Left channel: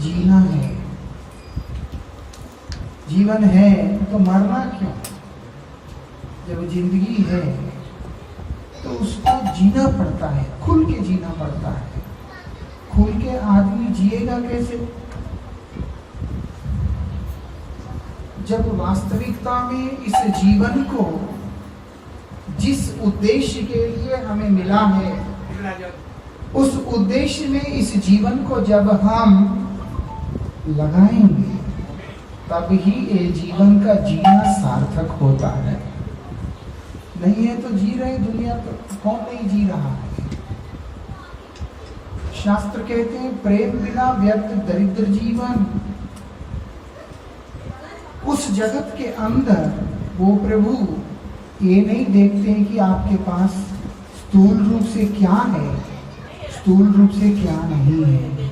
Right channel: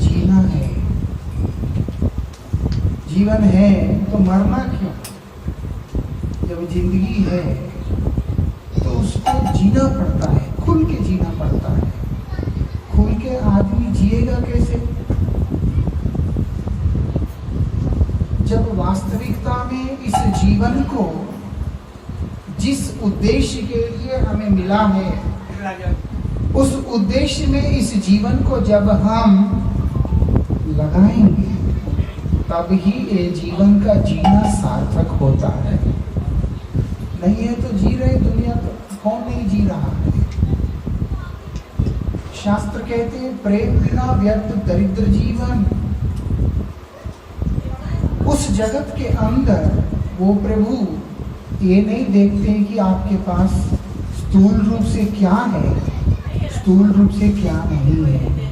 जीना है। जीवन है तो मरना क्यों? जब जिंदगी है तो उसको जीना पड़ता है, खुल के जीना पड़ता है। खुल के आदमी जिएगा कैसे? जब वास्तविकता में इस जीवन को जिस उद्देश्य के लिए हमें मिला है, उस उद्देश्य में इस जीवन को जब हम लगाएंगे तब ही ये जीवन का जीना सार्थक होता है। नहीं है तो जी रहे दुनिया, तो कौन नहीं जी रहा है? शास्त्र कहते हैं प्रेम बिना व्यर्थ दरिद्र जीवन। उस जगत के अंदर वो प्रभु ये नहीं देखते हैं कि आपके पास स्थूल रूप से क्या है, स्थूल रूप से क्या नहीं है।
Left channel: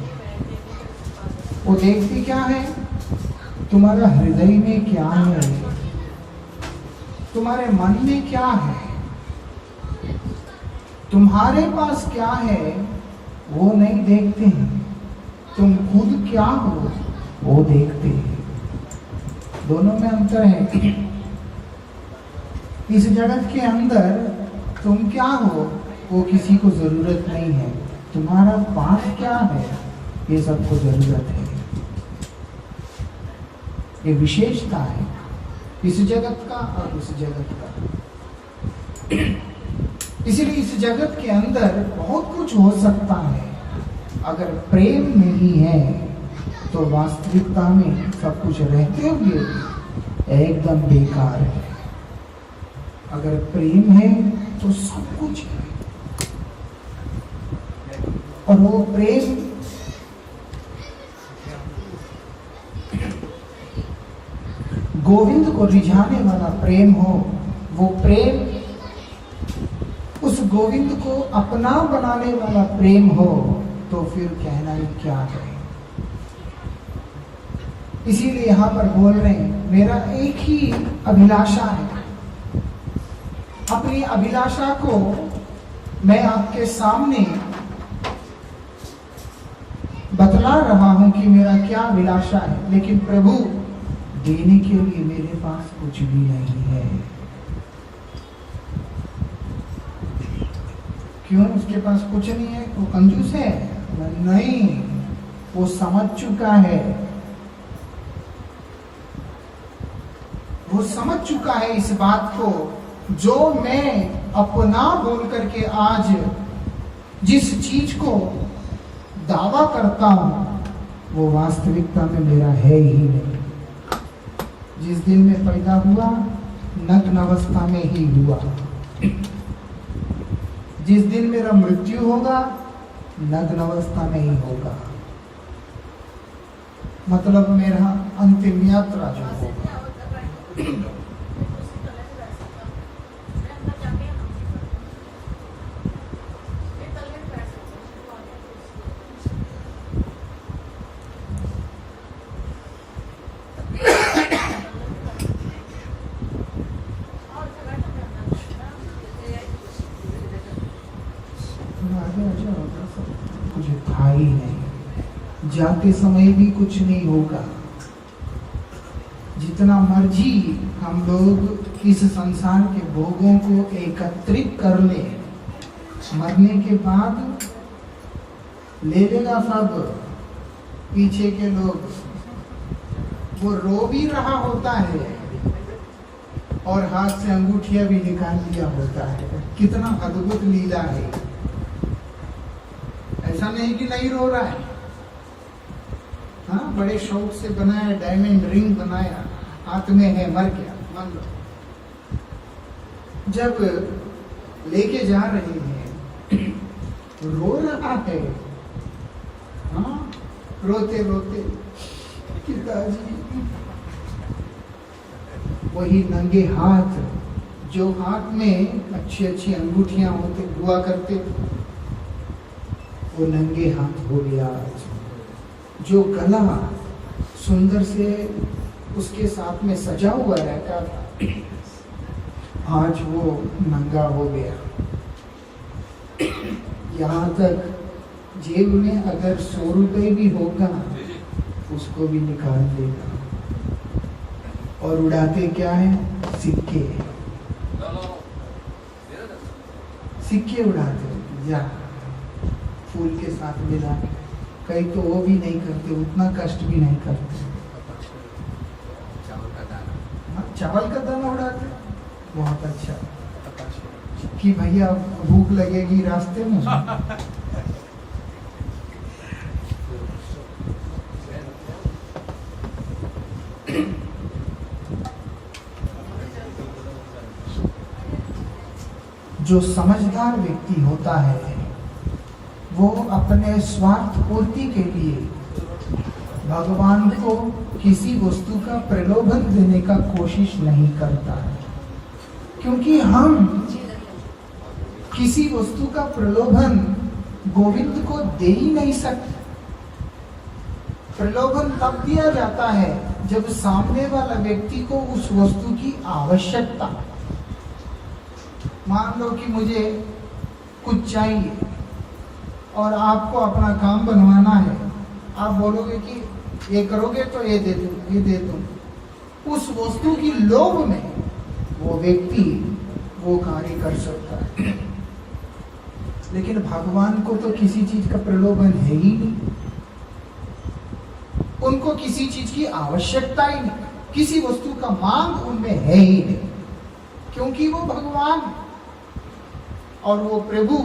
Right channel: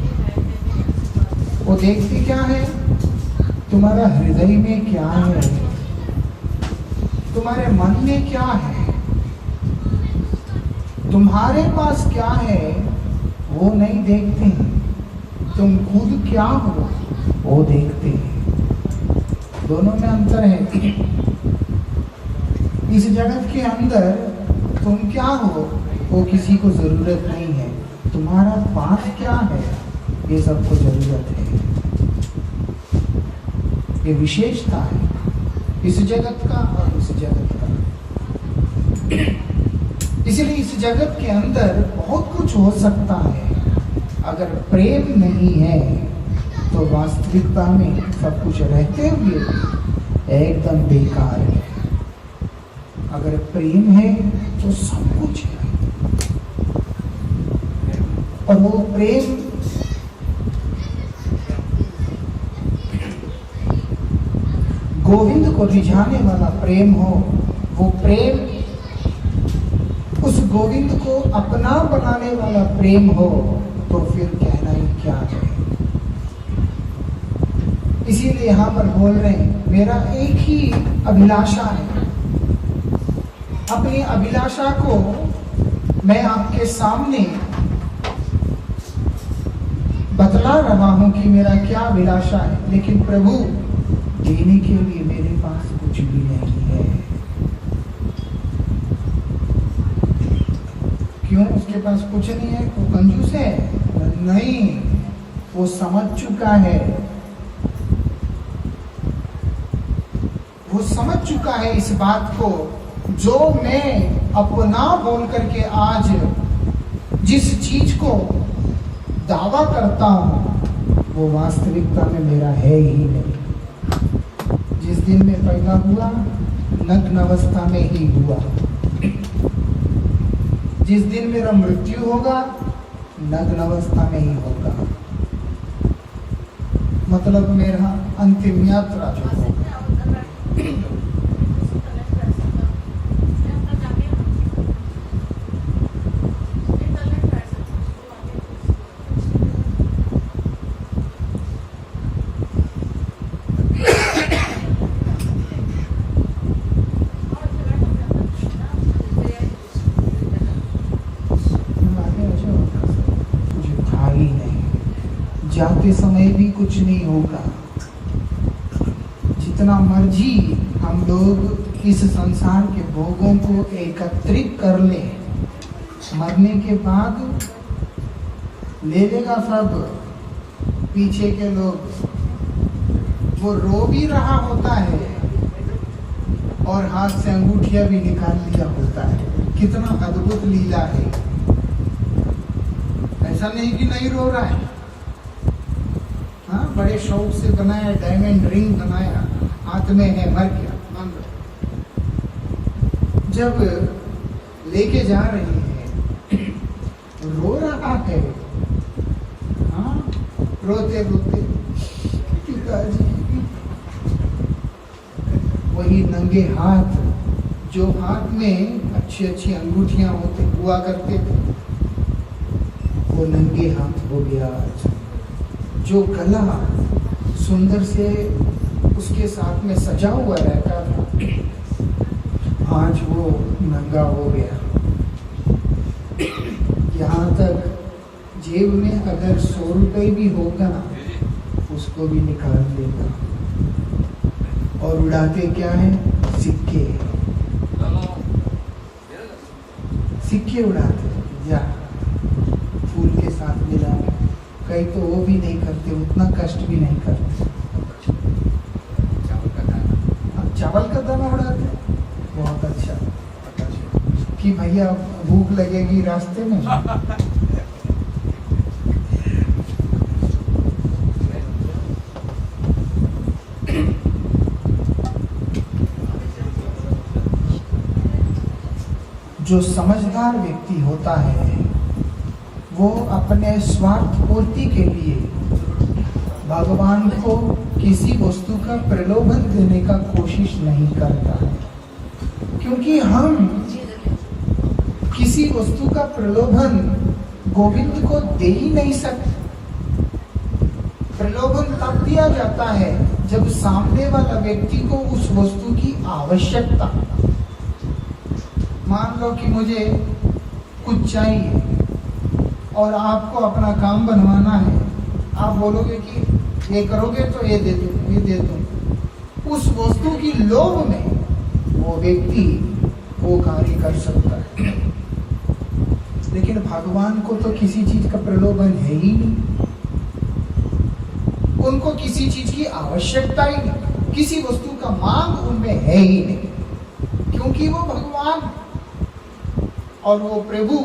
वो देखते क्या है? तुम्हारा हृदय में क्या है, तुम्हारे मन में क्या है, तुम्हारे पास क्या है, वो नहीं देखते हैं। तुम खुद क्या हो वो देखते हैं। दोनों में अंतर है। इस जगत के अंदर तुम क्या हो वो किसी को जरूरत नहीं है, तुम्हारा पास क्या है ये सबको जरूरत है। ये विशेषता है इस जगत का और इस जगत का। इसलिए इस जगत के अंदर बहुत कुछ हो सकता है, अगर प्रेम नहीं है तो वास्तविकता में सब कुछ रहते हुए एकदम बेकार है। अगर प्रेम है तो सब कुछ है। और वो प्रेम गोविंद को रिझाने वाला प्रेम हो, वो प्रेम उस गोविंद को अपना बनाने वाला प्रेम हो, तो फिर कहना ही क्या है। इसीलिए यहां पर बोल रहे हैं मेरा एक ही अभिलाषा है। अपनी अभिलाषा को मैं आपके सामने बतला रहा हूं कि मेरा क्या अभिलाषा है, लेकिन प्रभु देने के लिए मेरे पास कुछ भी नहीं है। क्यों? उसके पास कुछ नहीं है, वो कंजूस है? नहीं, वो समझ चुका है। वो समझ चुका है इस बात को, जो मैं अपना बोल करके आज जिस चीज को दावा करता हूं वो वास्तविकता में मेरा है ही नहीं। जिस दिन में पैदा हुआ नग्न अवस्था में ही हुआ, जिस दिन मेरा मृत्यु होगा नग्न अवस्था में ही होगा। मतलब मेरा अंतिम यात्रा जो होगा। जाते समय भी कुछ नहीं होगा। जितना मर्जी हम लोग इस संसार के भोगों को एकत्रित कर ले, मरने के बाद ले लेगा सब। पीछे के लोग वो रो भी रहा होता है और हाथ से अंगूठिया भी निकाल लिया होता है। कितना अद्भुत लीला है। ऐसा नहीं कि नहीं रो रहा है। हाँ, बड़े शौक से बनाया, डायमंड रिंग बनाया, हाथ में है, मर गया मान लो। जब लेके जा रहे हैं रो रहा है। हाँ, रोते रोते पिताजी, वही नंगे हाथ, जो हाथ में अच्छी अच्छी अंगूठियां होते हुआ करते थे, वो नंगे हाथ हो गया। जो गला सुंदर से उसके साथ में सजा हुआ रहता था, आज वो नंगा हो गया। यहाँ तक जेब में अगर 100 रुपए भी होगा उसको भी निकाल देगा। और उड़ाते क्या है? सिक्के, सिक्के उड़ाते, जा फूल के साथ मिला। कई तो वो भी नहीं करते, उतना कष्ट भी नहीं करते। चावल का दाना उड़ाते, बहुत अच्छा कि भैया भूख लगेगी रास्ते में। जो समझदार व्यक्ति होता है वो अपने स्वार्थ पूर्ति के लिए भगवान को किसी वस्तु का प्रलोभन देने का कोशिश नहीं करता है, क्योंकि हम किसी वस्तु का प्रलोभन गोविंद को दे ही नहीं सकते। प्रलोभन तब दिया जाता है जब सामने वाला व्यक्ति को उस वस्तु की आवश्यकता। मान लो कि मुझे कुछ चाहिए और आपको अपना काम बनवाना है, आप बोलोगे कि ये करोगे तो ये दे दूं, ये दे दूं। उस वस्तु की लोभ में वो व्यक्ति वो कार्य कर सकता है, लेकिन भगवान को तो किसी चीज का प्रलोभन है ही नहीं। उनको किसी चीज की आवश्यकता ही नहीं, किसी वस्तु का मांग उनमें है ही नहीं, क्योंकि वो भगवान और वो प्रभु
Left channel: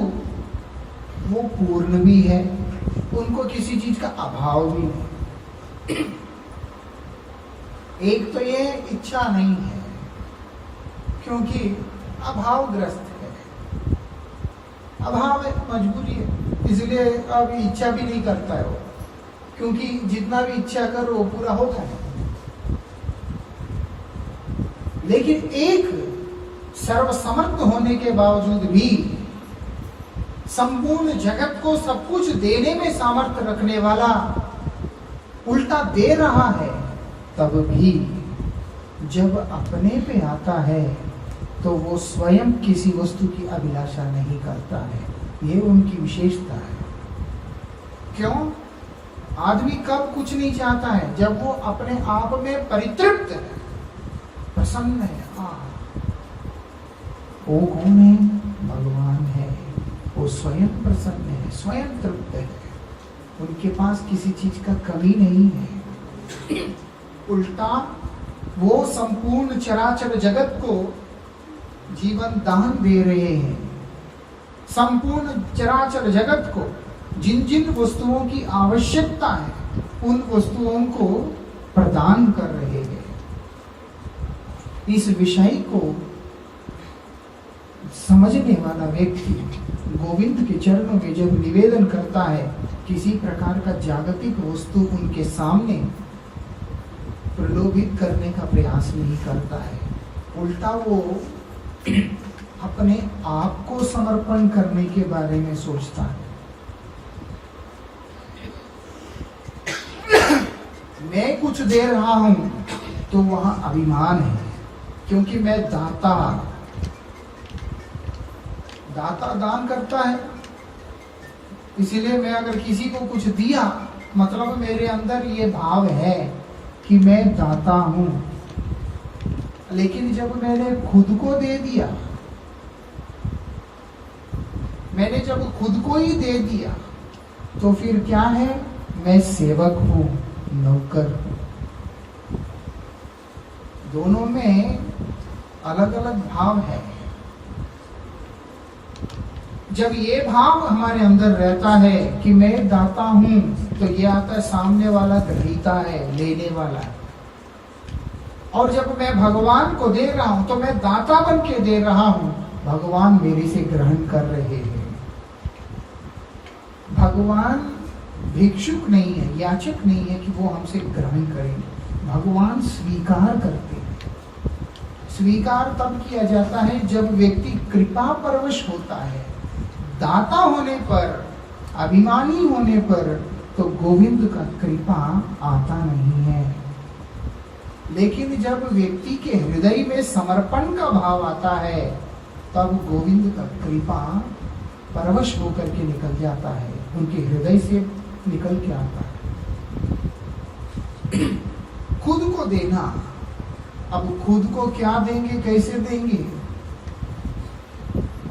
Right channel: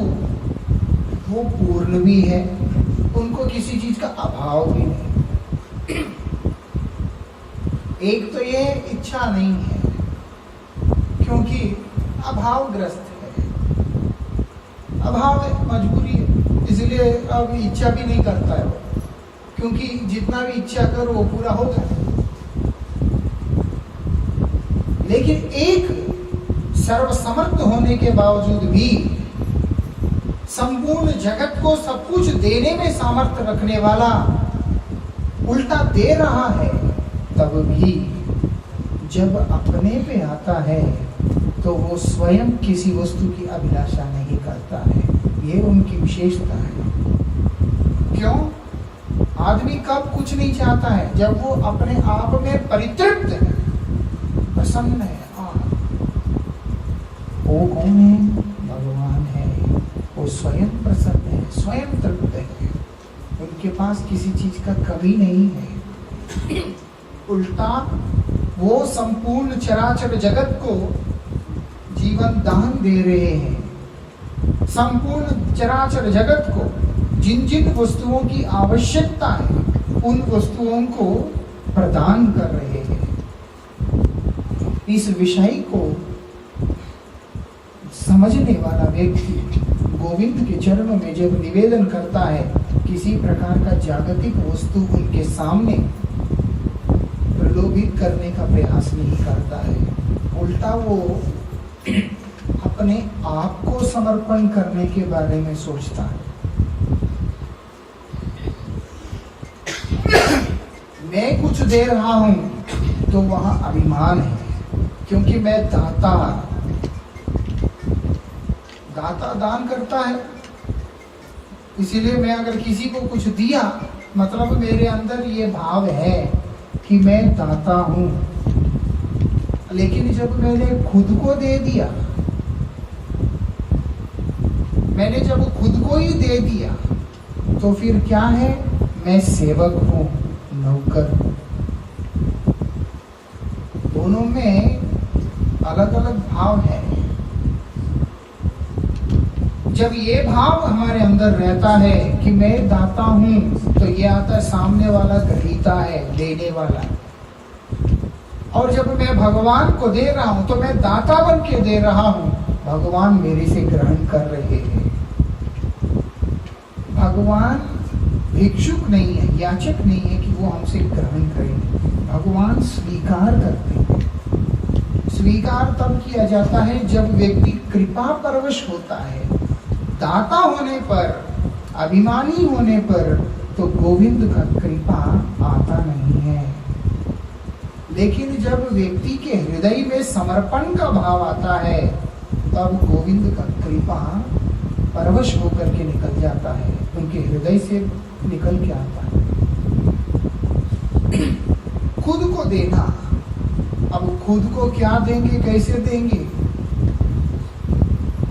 वो पूर्ण भी है, उनको किसी चीज का अभाव भी नहीं। एक तो ये इच्छा नहीं है क्योंकि अभावग्रस्त है, अभाव है, मजबूरी है, इसलिए अब इच्छा भी नहीं करता है वो, क्योंकि जितना भी इच्छा करो वो पूरा हो जाए। लेकिन एक सर्वसमर्थ होने के बावजूद भी संपूर्ण जगत को सब कुछ देने में सामर्थ्य रखने वाला उल्टा दे रहा है, तब भी जब अपने पे आता है तो वो स्वयं किसी वस्तु की अभिलाषा नहीं करता है। ये उनकी विशेषता है। क्यों? आदमी कब कुछ नहीं चाहता है? जब वो अपने आप में परितृप्त है, प्रसन्न है। वो कौन है? भगवान है। वो स्वयं प्रसन्न है, स्वयं तृप्त है, उनके पास किसी चीज का कमी नहीं है। उल्टा वो संपूर्ण चराचर जगत को जीवन दान दे रहे हैं। संपूर्ण चराचर जगत को जिन जिन वस्तुओं की आवश्यकता है उन वस्तुओं को प्रदान कर रहे हैं। इस विषय को समझने वाला व्यक्ति गोविंद के चरणों में जब निवेदन करता है, किसी प्रकार का जागतिक वस्तु उनके सामने प्रलोभित करने का प्रयास नहीं करता है। उल्टा वो अपने आप को समर्पण करने के बारे में सोचता है। मैं कुछ दे रहा हूं तो वहां अभिमान है, क्योंकि मैं दाता दान करता है, इसीलिए मैं अगर किसी को कुछ दिया मतलब मेरे अंदर ये भाव है कि मैं दाता हूं। लेकिन जब मैंने खुद को दे दिया, मैंने जब खुद को ही दे दिया तो फिर क्या है? मैं सेवक हूं, नौकर। दोनों में अलग अलग भाव है। जब ये भाव हमारे अंदर रहता है कि मैं दाता हूं, तो ये आता है सामने वाला ग्रहीता है, लेने वाला है। और जब मैं भगवान को दे रहा हूं तो मैं दाता बन के दे रहा हूं, भगवान मेरे से ग्रहण कर रहे हैं। भगवान भिक्षुक नहीं है, याचक नहीं है कि वो हमसे ग्रहण करें। भगवान स्वीकार करते हैं। स्वीकार तब किया जाता है जब व्यक्ति कृपा परवश होता है। दाता होने पर, अभिमानी होने पर तो गोविंद का कृपा आता नहीं है। लेकिन जब व्यक्ति के हृदय में समर्पण का भाव आता है, तब गोविंद का कृपा परवश होकर के निकल जाता है, उनके हृदय से निकल के आता है। खुद को देना। अब खुद को क्या देंगे, कैसे देंगे?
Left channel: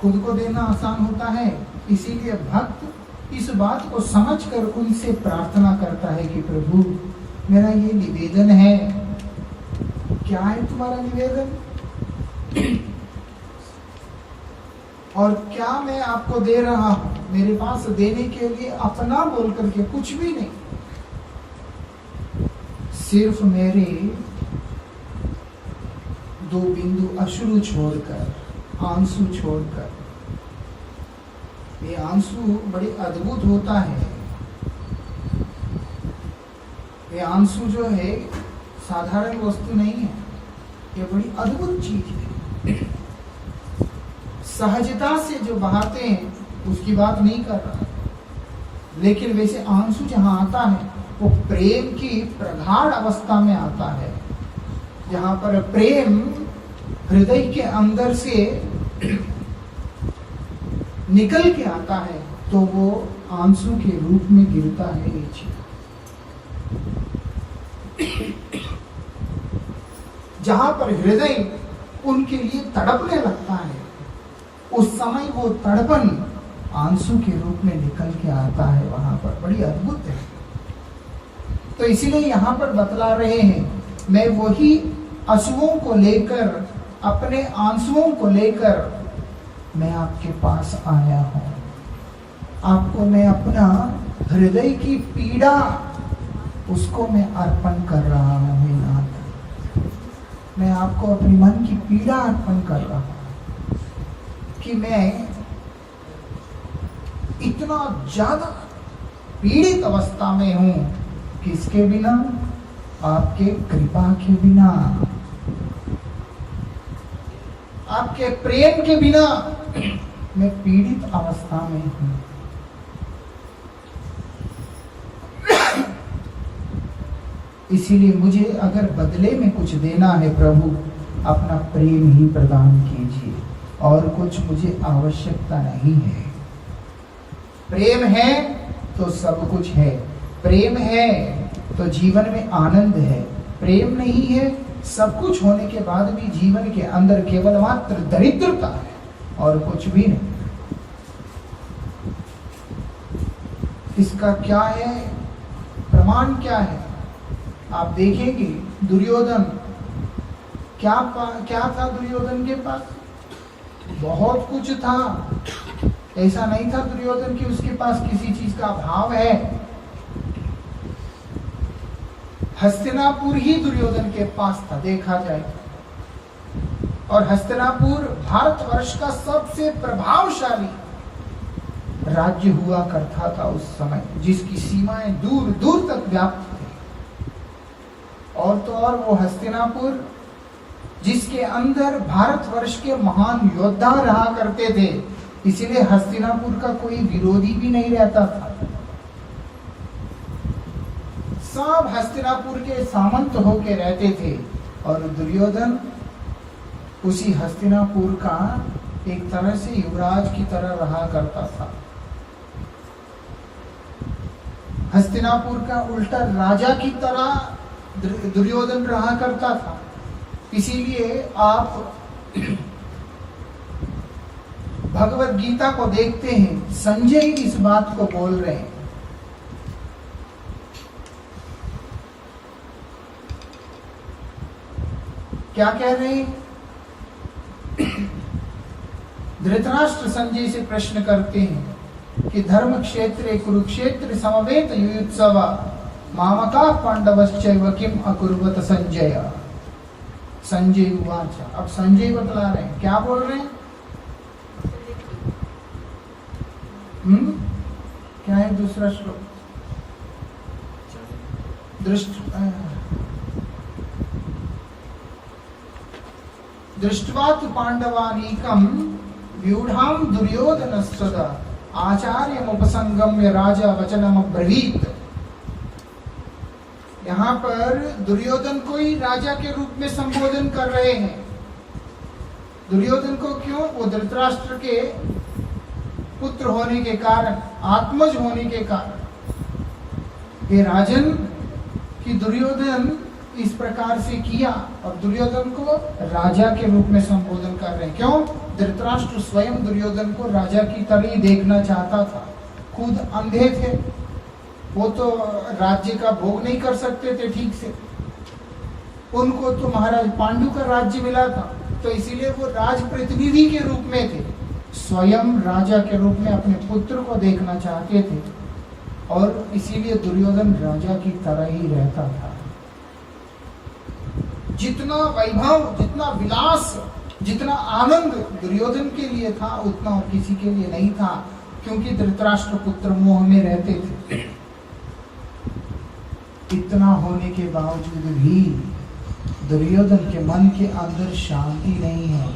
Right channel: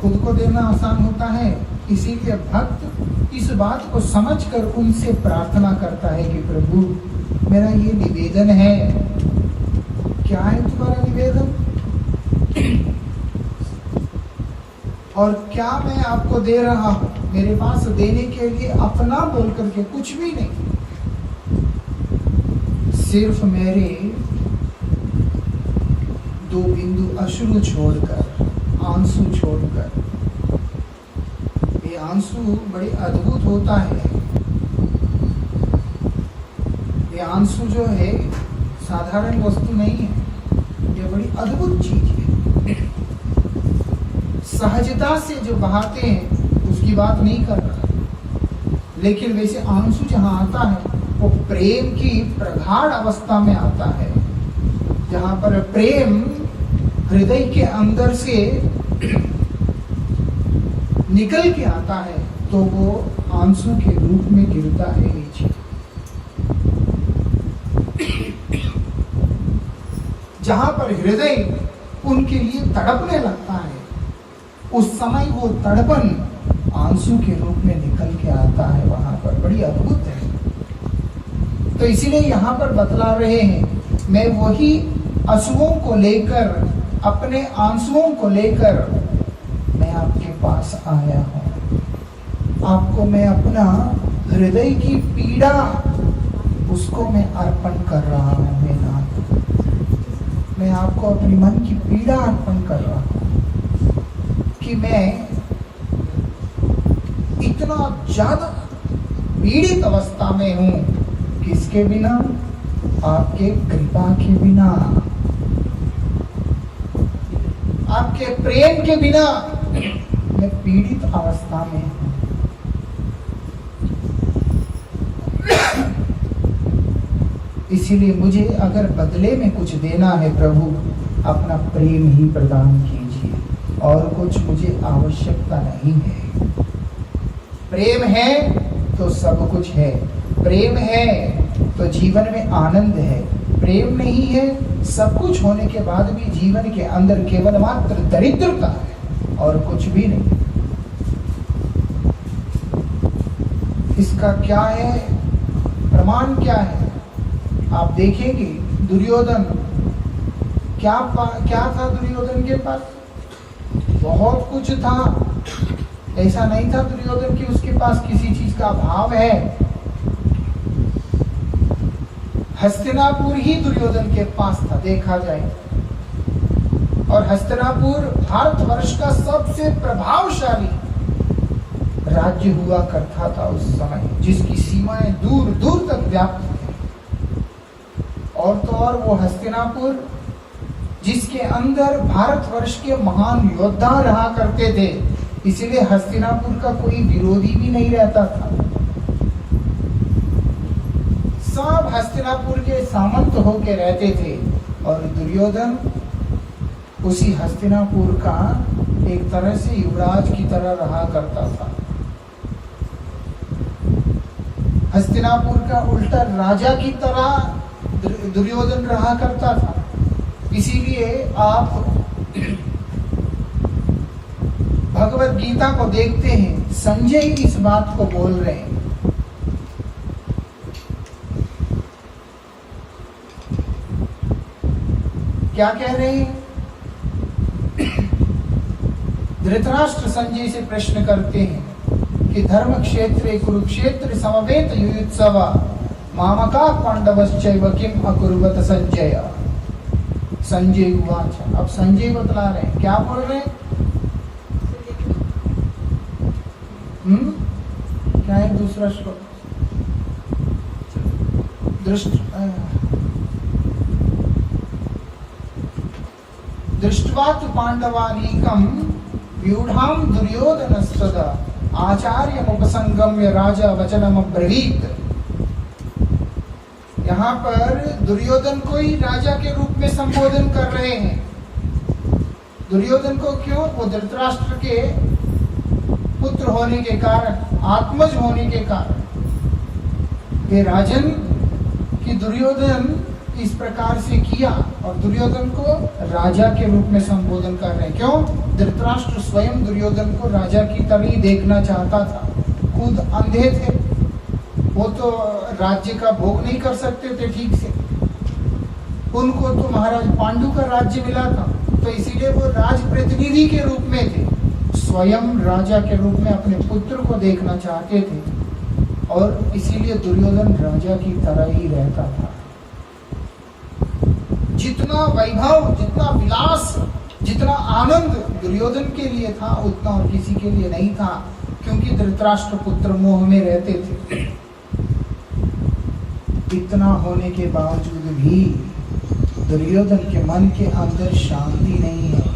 खुद को देना आसान होता है, इसीलिए भक्त इस बात को समझकर उनसे प्रार्थना करता है कि प्रभु मेरा ये निवेदन है। क्या है तुम्हारा निवेदन? और क्या मैं आपको दे रहा हूं? मेरे पास देने के लिए अपना बोल करके कुछ भी नहीं, सिर्फ मेरे 2 बिंदु अश्रु छोड़कर, आंसू छोड़कर। ये आंसू बड़े अद्भुत होता है। ये आंसू जो है साधारण वस्तु नहीं है, ये बड़ी अद्भुत चीज है। सहजता से जो बहाते हैं उसकी बात नहीं कर रहा, लेकिन वैसे आंसू जहां आता है वो प्रेम की प्रगाढ़ अवस्था में आता है, जहां पर प्रेम हृदय के अंदर से निकल के आता है, तो वो आंसू के रूप में गिरता है नीचे। जहां पर हृदय उनके लिए तड़पने लगता है, उस समय वो तड़पन आंसू के रूप में निकल के आता है वहां पर। बड़ी अद्भुत है। तो इसीलिए यहाँ पर बतला रहे हैं, मैं वही आंसुओं को लेकर, अपने आंसुओं को लेकर मैं आपके पास आया हूं। आपको मैं अपना हृदय की पीड़ा, उसको मैं अर्पण कर रहा हूं। मेरे नाथ, मैं आपको अपनी मन की पीड़ा अर्पण कर रहा हूं कि मैं इतना ज्यादा पीड़ित अवस्था में हूं। किसके बिना? आपके कृपा के बिना, आपके प्रेम के बिना मैं पीड़ित अवस्था में हूं। इसीलिए मुझे अगर बदले में कुछ देना है प्रभु, अपना प्रेम ही प्रदान कीजिए, और कुछ मुझे आवश्यकता नहीं है। प्रेम है तो सब कुछ है, प्रेम है तो जीवन में आनंद है। प्रेम नहीं है, सब कुछ होने के बाद भी जीवन के अंदर केवल मात्र दरिद्रता है और कुछ भी नहीं। इसका क्या है प्रमाण? क्या है आप देखेंगे। दुर्योधन क्या था दुर्योधन के पास? बहुत कुछ था। ऐसा नहीं था दुर्योधन कि उसके पास किसी चीज का अभाव है। हस्तिनापुर ही दुर्योधन के पास था, देखा जाए। और हस्तिनापुर भारतवर्ष का सबसे प्रभावशाली राज्य हुआ करता था उस समय, जिसकी सीमाएं दूर दूर तक व्याप्त थी। और तो और वो हस्तिनापुर, जिसके अंदर भारतवर्ष के महान योद्धा रहा करते थे, इसीलिए हस्तिनापुर का कोई विरोधी भी नहीं रहता था। सब हस्तिनापुर के सामंत होके रहते थे। और दुर्योधन उसी हस्तिनापुर का एक तरह से युवराज की तरह रहा करता था। हस्तिनापुर का उल्टा राजा की तरह दुर्योधन रहा करता था। इसीलिए आप भगवत गीता को देखते हैं, संजय इस बात को बोल रहे हैं। क्या कह रहे हैं? धृतराष्ट्र संजय से प्रश्न करते हैं कि धर्म क्षेत्रे कुरुक्षेत्र समवेत युयुत्सव मामका पांडवश्चैव किम अकुर्वत संजय। संजय उवाच। अब संजय बतला रहे हैं, क्या बोल रहे हैं? क्या है दूसरा श्लोक? दृष्ट्वा तु पांडवानीकं व्यूढ़ां दुर्योधनस्तदा आचार्यमुपसंगम्य राजा वचनम अब्रवीत। यहाँ पर दुर्योधन को ही राजा के रूप में संबोधन कर रहे हैं। दुर्योधन को क्यों? वो धृतराष्ट्र के पुत्र होने के कारण, आत्मज होने के कारण। हे राजन, कि दुर्योधन इस प्रकार से किया, और दुर्योधन को राजा के रूप में संबोधन कर रहे हैं। क्यों? धृतराष्ट्र स्वयं दुर्योधन को राजा की तरह ही देखना चाहता था। खुद अंधे थे, वो तो राज्य का भोग नहीं कर सकते थे ठीक से। उनको तो महाराज पांडु का राज्य मिला था, तो इसीलिए वो राज प्रतिनिधि के रूप में थे, स्वयं राजा के रूप में अपने पुत्र को देखना चाहते थे, और इसीलिए दुर्योधन राजा की तरह ही रहता था। जितना वैभव, जितना विलास, जितना आनंद दुर्योधन के लिए था, उतना और किसी के लिए नहीं था, क्योंकि धृतराष्ट्र पुत्र मोह में रहते थे। इतना होने के बावजूद भी दुर्योधन के मन के अंदर शांति नहीं है।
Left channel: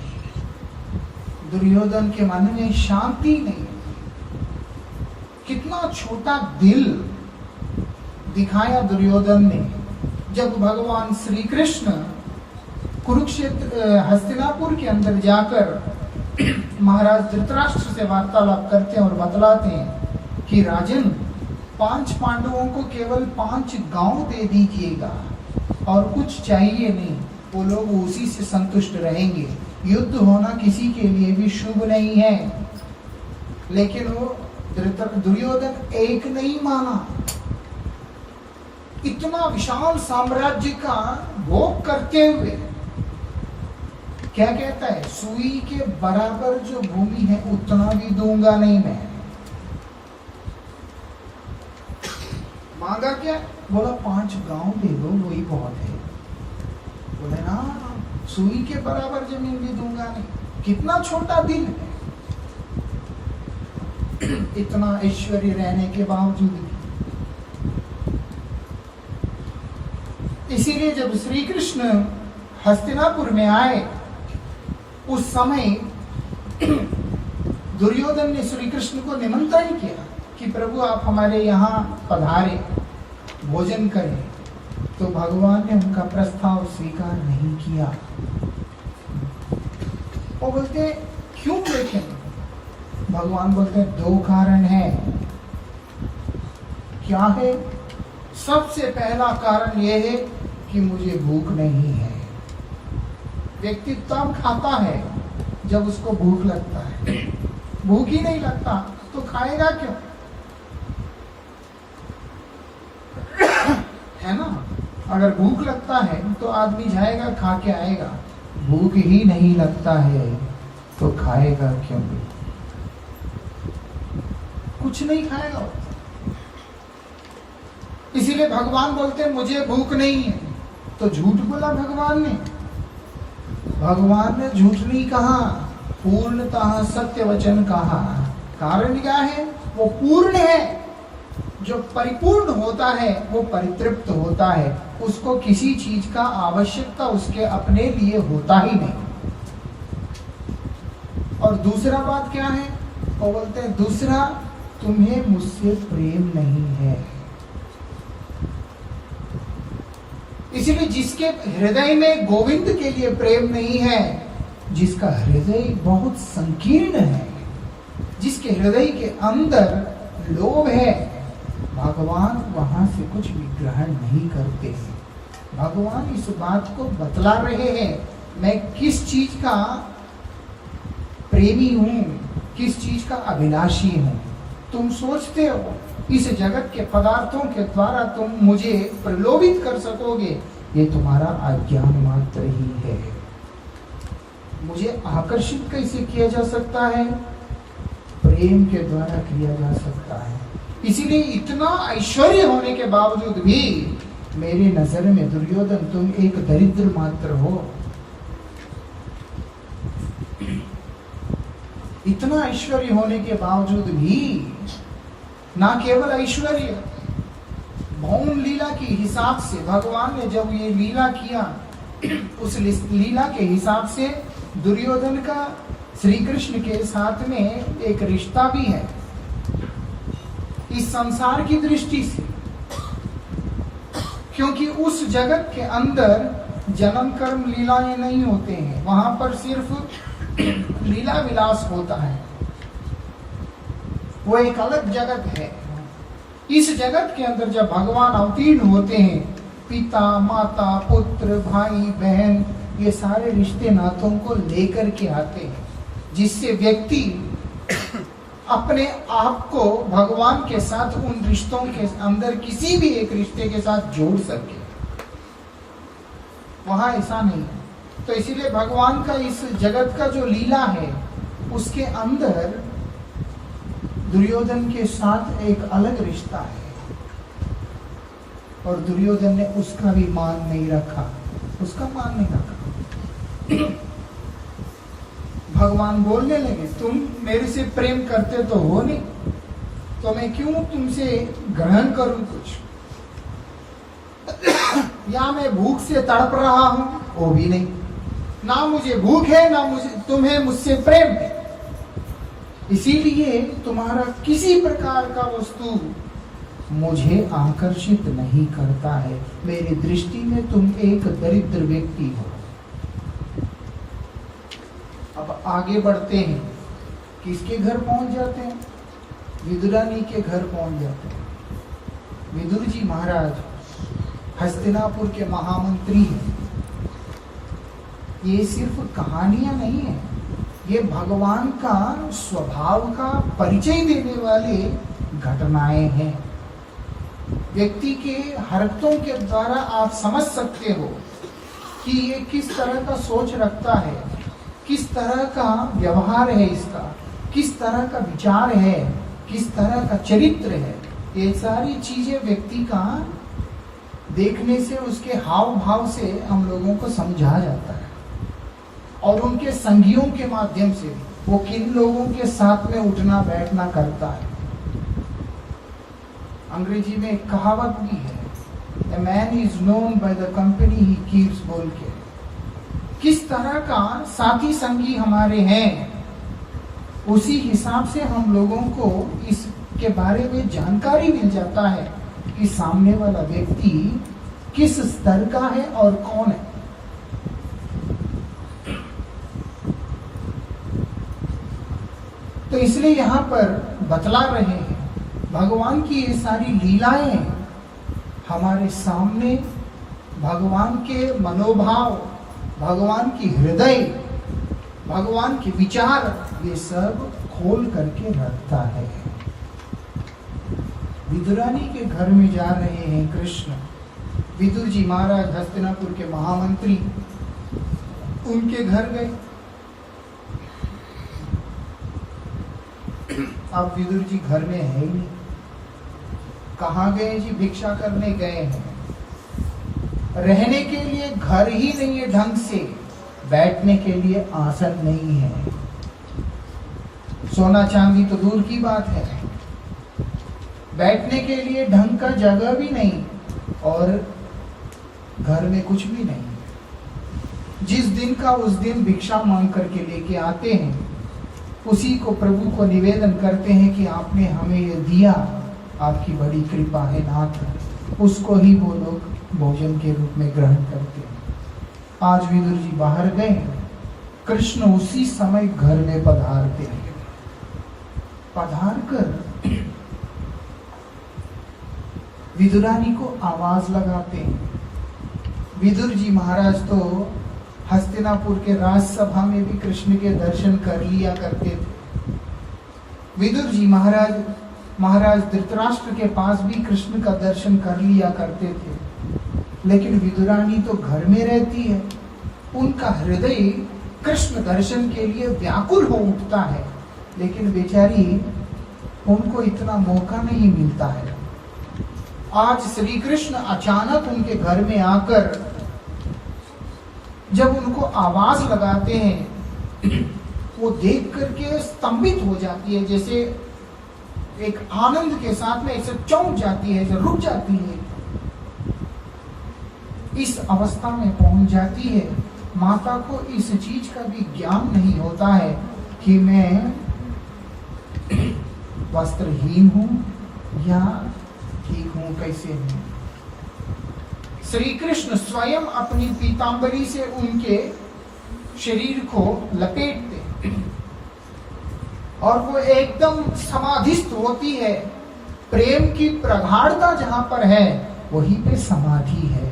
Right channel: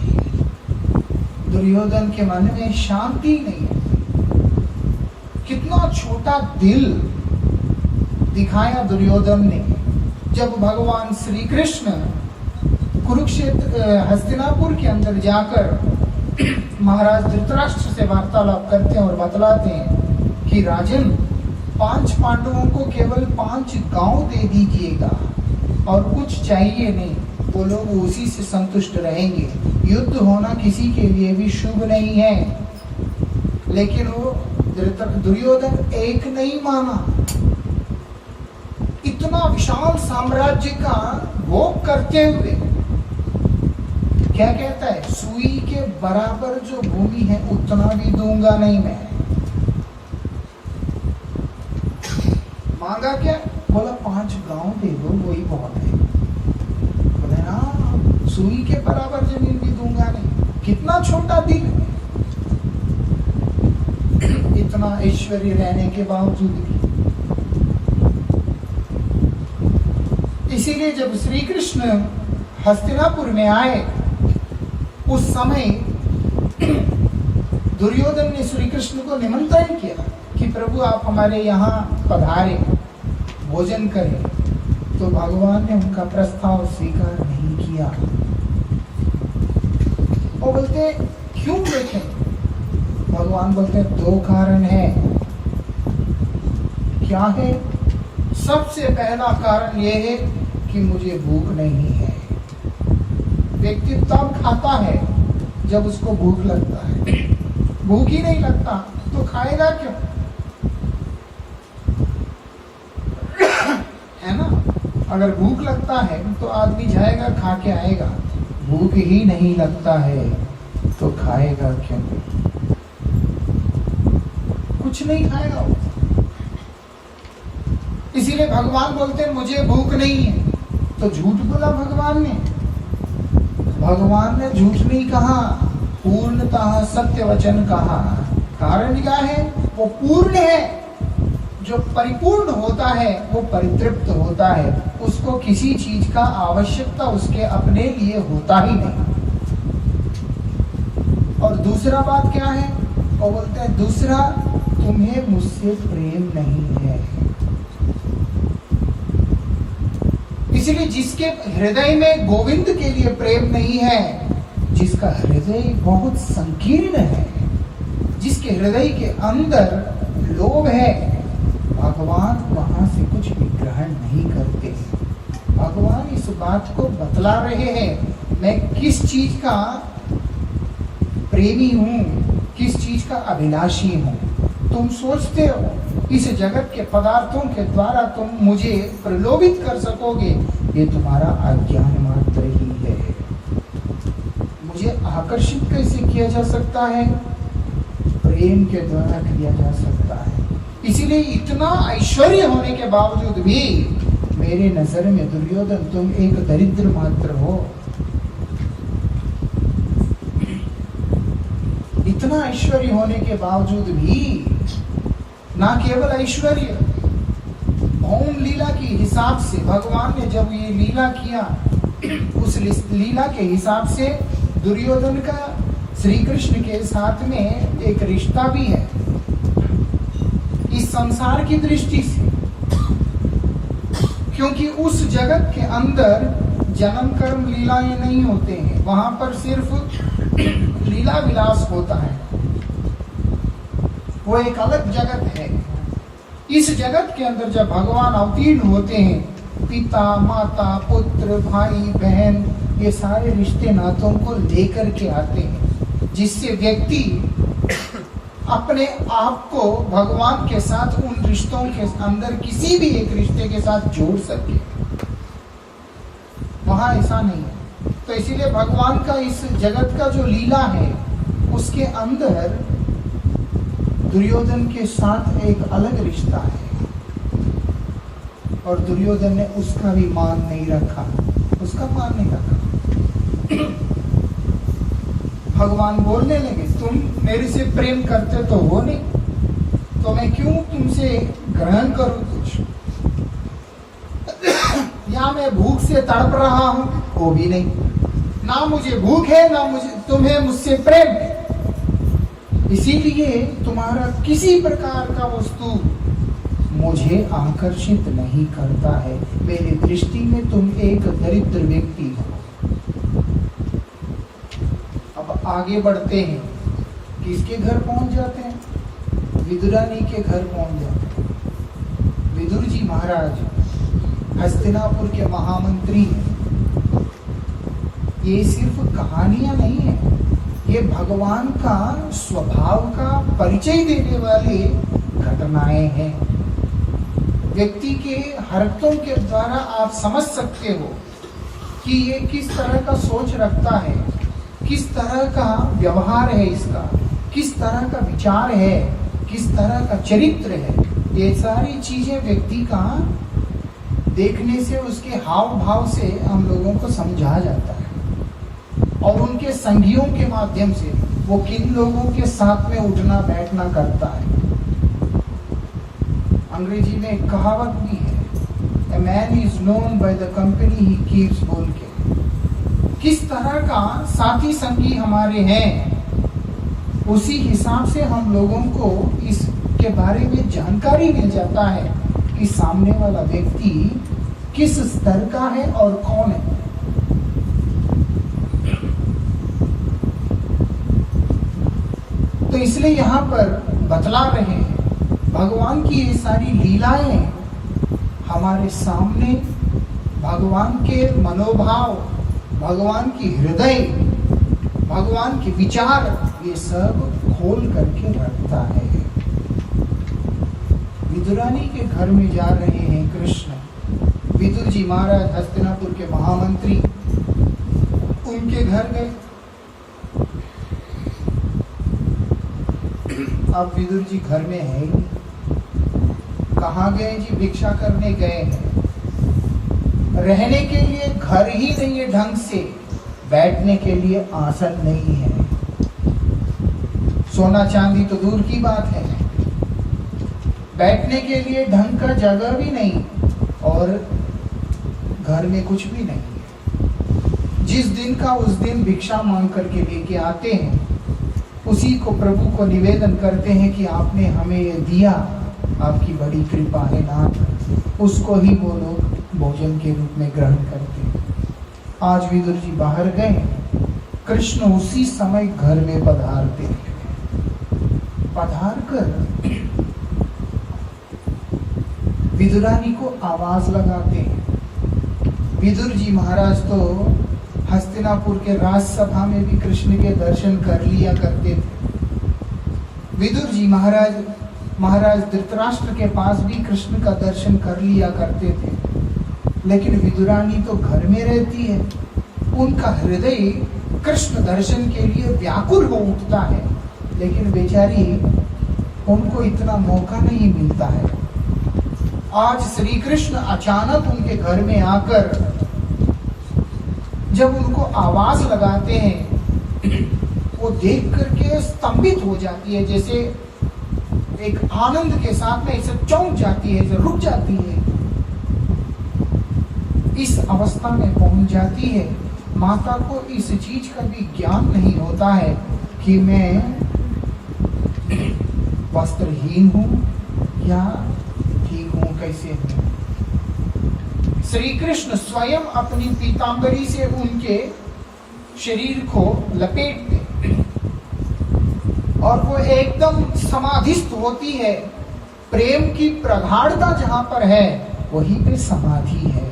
दुर्योधन के मन में शांति नहीं है। कितना छोटा दिल दिखाया दुर्योधन ने। जब भगवान श्री कृष्ण कुरुक्षेत्र हस्तिनापुर के अंदर जाकर महाराज धृतराष्ट्र से वार्तालाप करते हैं और बतलाते हैं कि राजन, 5 पांडवों को केवल 5 गांव दे दीजिएगा और कुछ चाहिए नहीं, वो लोग उसी से संतुष्ट रहेंगे। युद्ध होना किसी के लिए भी शुभ नहीं है। लेकिन वो दुर्योधन एक नहीं माना। इतना विशाल साम्राज्य का भोग करते हुए क्या कहता है, सुई के बराबर जो भूमि है उतना भी दूंगा नहीं मैं। मांगा क्या? बोला 5 गांव दे दो, वही बहुत है। बोले ना, सुई के बराबर जमीन भी दूंगा नहीं। कितना छोटा दिल है, इतना ऐश्वर्य रहने के बावजूद भी। इसीलिए जब श्री कृष्ण हस्तिनापुर में आए, उस समय दुर्योधन ने श्री कृष्ण को निमंत्रण किया कि प्रभु आप हमारे यहाँ पधारे, भोजन करें। तो भगवान ने उनका प्रस्ताव स्वीकार नहीं किया। वो बोलते क्यों बेटे? भगवान बोलते 2 कारण है। क्या है? सबसे पहला कारण यह है कि मुझे भूख नहीं है। व्यक्ति तब खाता है जब उसको भूख लगता है। भूख ही नहीं लगता तो खाएगा क्यों? है ना? अगर भूख लगता है तो आदमी जाएगा, खा के आएगा। भूख ही नहीं लगता है तो खाएगा क्यों? कुछ नहीं खाएगा। इसीलिए भगवान बोलते हैं मुझे भूख नहीं है। तो झूठ बोला भगवान ने? भगवान ने झूठ नहीं कहा, पूर्णतः सत्य वचन कहा। कारण क्या है? वो पूर्ण है। जो परिपूर्ण होता है वो परितृप्त होता है। उसको किसी चीज का आवश्यकता उसके अपने लिए होता ही नहीं। और दूसरा बात क्या है? वो बोलते हैं दूसरा, तुम्हें मुझसे प्रेम नहीं है। इसलिए जिसके हृदय में गोविंद के लिए प्रेम नहीं है, जिसका हृदय बहुत संकीर्ण है, जिसके हृदय के अंदर लोभ है, भगवान वहां से कुछ भी ग्रहण नहीं करते। भगवान इस बात को बतला रहे हैं, मैं किस चीज का प्रेमी हूं, किस चीज का अभिलाषी हूं। तुम सोचते हो इस जगत के पदार्थों के द्वारा तुम मुझे प्रलोभित कर सकोगे, ये तुम्हारा अज्ञान मात्र ही है। मुझे आकर्षित कैसे किया जा सकता है? प्रेम के द्वारा किया जा सकता है। इसीलिए इतना ऐश्वर्य होने के बावजूद भी मेरे नजर में दुर्योधन तुम एक दरिद्र मात्र हो। इतना ऐश्वर्य होने के बावजूद भी, ना केवल ऐश्वर्य, भौम लीला के हिसाब से भगवान ने जब ये लीला किया, उस लीला के हिसाब से दुर्योधन का श्री कृष्ण के साथ में एक रिश्ता भी है इस संसार की दृष्टि से। क्योंकि उस जगत के अंदर जन्म कर्म लीलाएं नहीं होते हैं, वहां पर सिर्फ लीला विलास होता है। वो एक अलग जगत है। इस जगत के अंदर जब भगवान अवतीर्ण होते हैं पिता माता पुत्र भाई बहन, ये सारे रिश्ते नातों को लेकर के आते हैं, जिससे व्यक्ति अपने आप को भगवान के साथ उन रिश्तों के अंदर किसी भी एक रिश्ते के साथ जोड़ सके। वहां ऐसा नहीं है। तो इसीलिए भगवान का इस जगत का जो लीला है उसके अंदर दुर्योधन के साथ एक अलग रिश्ता है, और दुर्योधन ने उसका भी मान नहीं रखा, उसका मान नहीं रखा। भगवान बोलने लगे, तुम मेरे से प्रेम करते तो हो नहीं, तो मैं क्यों तुमसे ग्रहण करूं कुछ? या मैं भूख से तड़प रहा हूं, वो भी नहीं। ना मुझे भूख है, ना मुझे तुम्हें मुझसे प्रेम है। इसीलिए तुम्हारा किसी प्रकार का वस्तु मुझे आकर्षित नहीं करता है। मेरी दृष्टि में तुम एक दरिद्र व्यक्ति हो। अब आगे बढ़ते हैं, किसके घर पहुंच जाते हैं? विदुरानी के घर पहुंच जाते हैं। विदुर जी महाराज हस्तिनापुर के महामंत्री हैं। ये सिर्फ कहानियां नहीं है, ये भगवान का स्वभाव का परिचय देने वाले घटनाएं हैं। व्यक्ति के हरकतों के द्वारा आप समझ सकते हो कि ये किस तरह का सोच रखता है, किस तरह का व्यवहार है इसका, किस तरह का विचार है, किस तरह का चरित्र है। ये सारी चीजें व्यक्ति का देखने से, उसके हाव भाव से हम लोगों को समझा जाता है, और उनके संगियों के माध्यम से वो किन लोगों के साथ में उठना बैठना करता है। अंग्रेजी में एक कहावत भी है, A man is known by the company he keeps, बोल के। किस तरह का साथी संगी हमारे हैं, उसी हिसाब से हम लोगों को इसके बारे में जानकारी मिल जाता है कि सामने वाला व्यक्ति किस स्तर का है और कौन है। तो इसलिए यहाँ पर बतला रहे हैं, भगवान की ये सारी लीलाएं हमारे सामने भगवान के मनोभाव, भगवान की हृदय, भगवान के विचार, ये सब खोल करके रखता है। विदुरानी के घर में जा रहे हैं कृष्ण। विदुर जी महाराज हस्तिनापुर के महामंत्री, उनके घर गए। अब विदुर जी घर में है ही नहीं। कहाँ गए जी? भिक्षा करने गए हैं। रहने के लिए घर ही नहीं है ढंग से, बैठने के लिए आसन नहीं है। सोना चांदी तो दूर की बात है, बैठने के लिए ढंग का जगह भी नहीं, और घर में कुछ भी नहीं है। जिस दिन का उस दिन भिक्षा मांग करके लेके आते हैं, उसी को प्रभु को निवेदन करते हैं कि आपने हमें ये दिया, आपकी बड़ी कृपा है नाथ। उसको ही वो लोग भोजन के रूप में ग्रहण करते हैं। आज विदुर जी बाहर गए, कृष्ण उसी समय घर में पधारते हैं। पधार कर विदुरानी को आवाज लगाते हैं। विदुर जी महाराज तो हस्तिनापुर के राजसभा में भी कृष्ण के दर्शन कर लिया करते थे। विदुर जी महाराज धृतराष्ट्र के पास भी कृष्ण का दर्शन कर लिया करते थे। लेकिन विदुरानी तो घर में रहती है, उनका हृदय कृष्ण दर्शन के लिए व्याकुल हो उठता है, लेकिन बेचारी उनको इतना मौका नहीं मिलता है। आज श्री कृष्ण अचानक उनके घर में आकर जब उनको आवाज लगाते हैं, वो देख करके स्तंभित हो जाती है, जैसे एक आनंद के साथ में ऐसे चौंक जाती है, रुक जाती है। इस अवस्था में पहुंच जाती है। माता को इस चीज का भी ज्ञान नहीं होता है कि मैं वस्त्रहीन हूं या ठीक हूं, कैसे हूं। श्री कृष्ण स्वयं अपनी पीतांबरी से उनके शरीर को लपेटते और वो एकदम समाधिस्थ होती है। प्रेम की प्रगाढ़ता जहां पर है, वहीं पे समाधि है।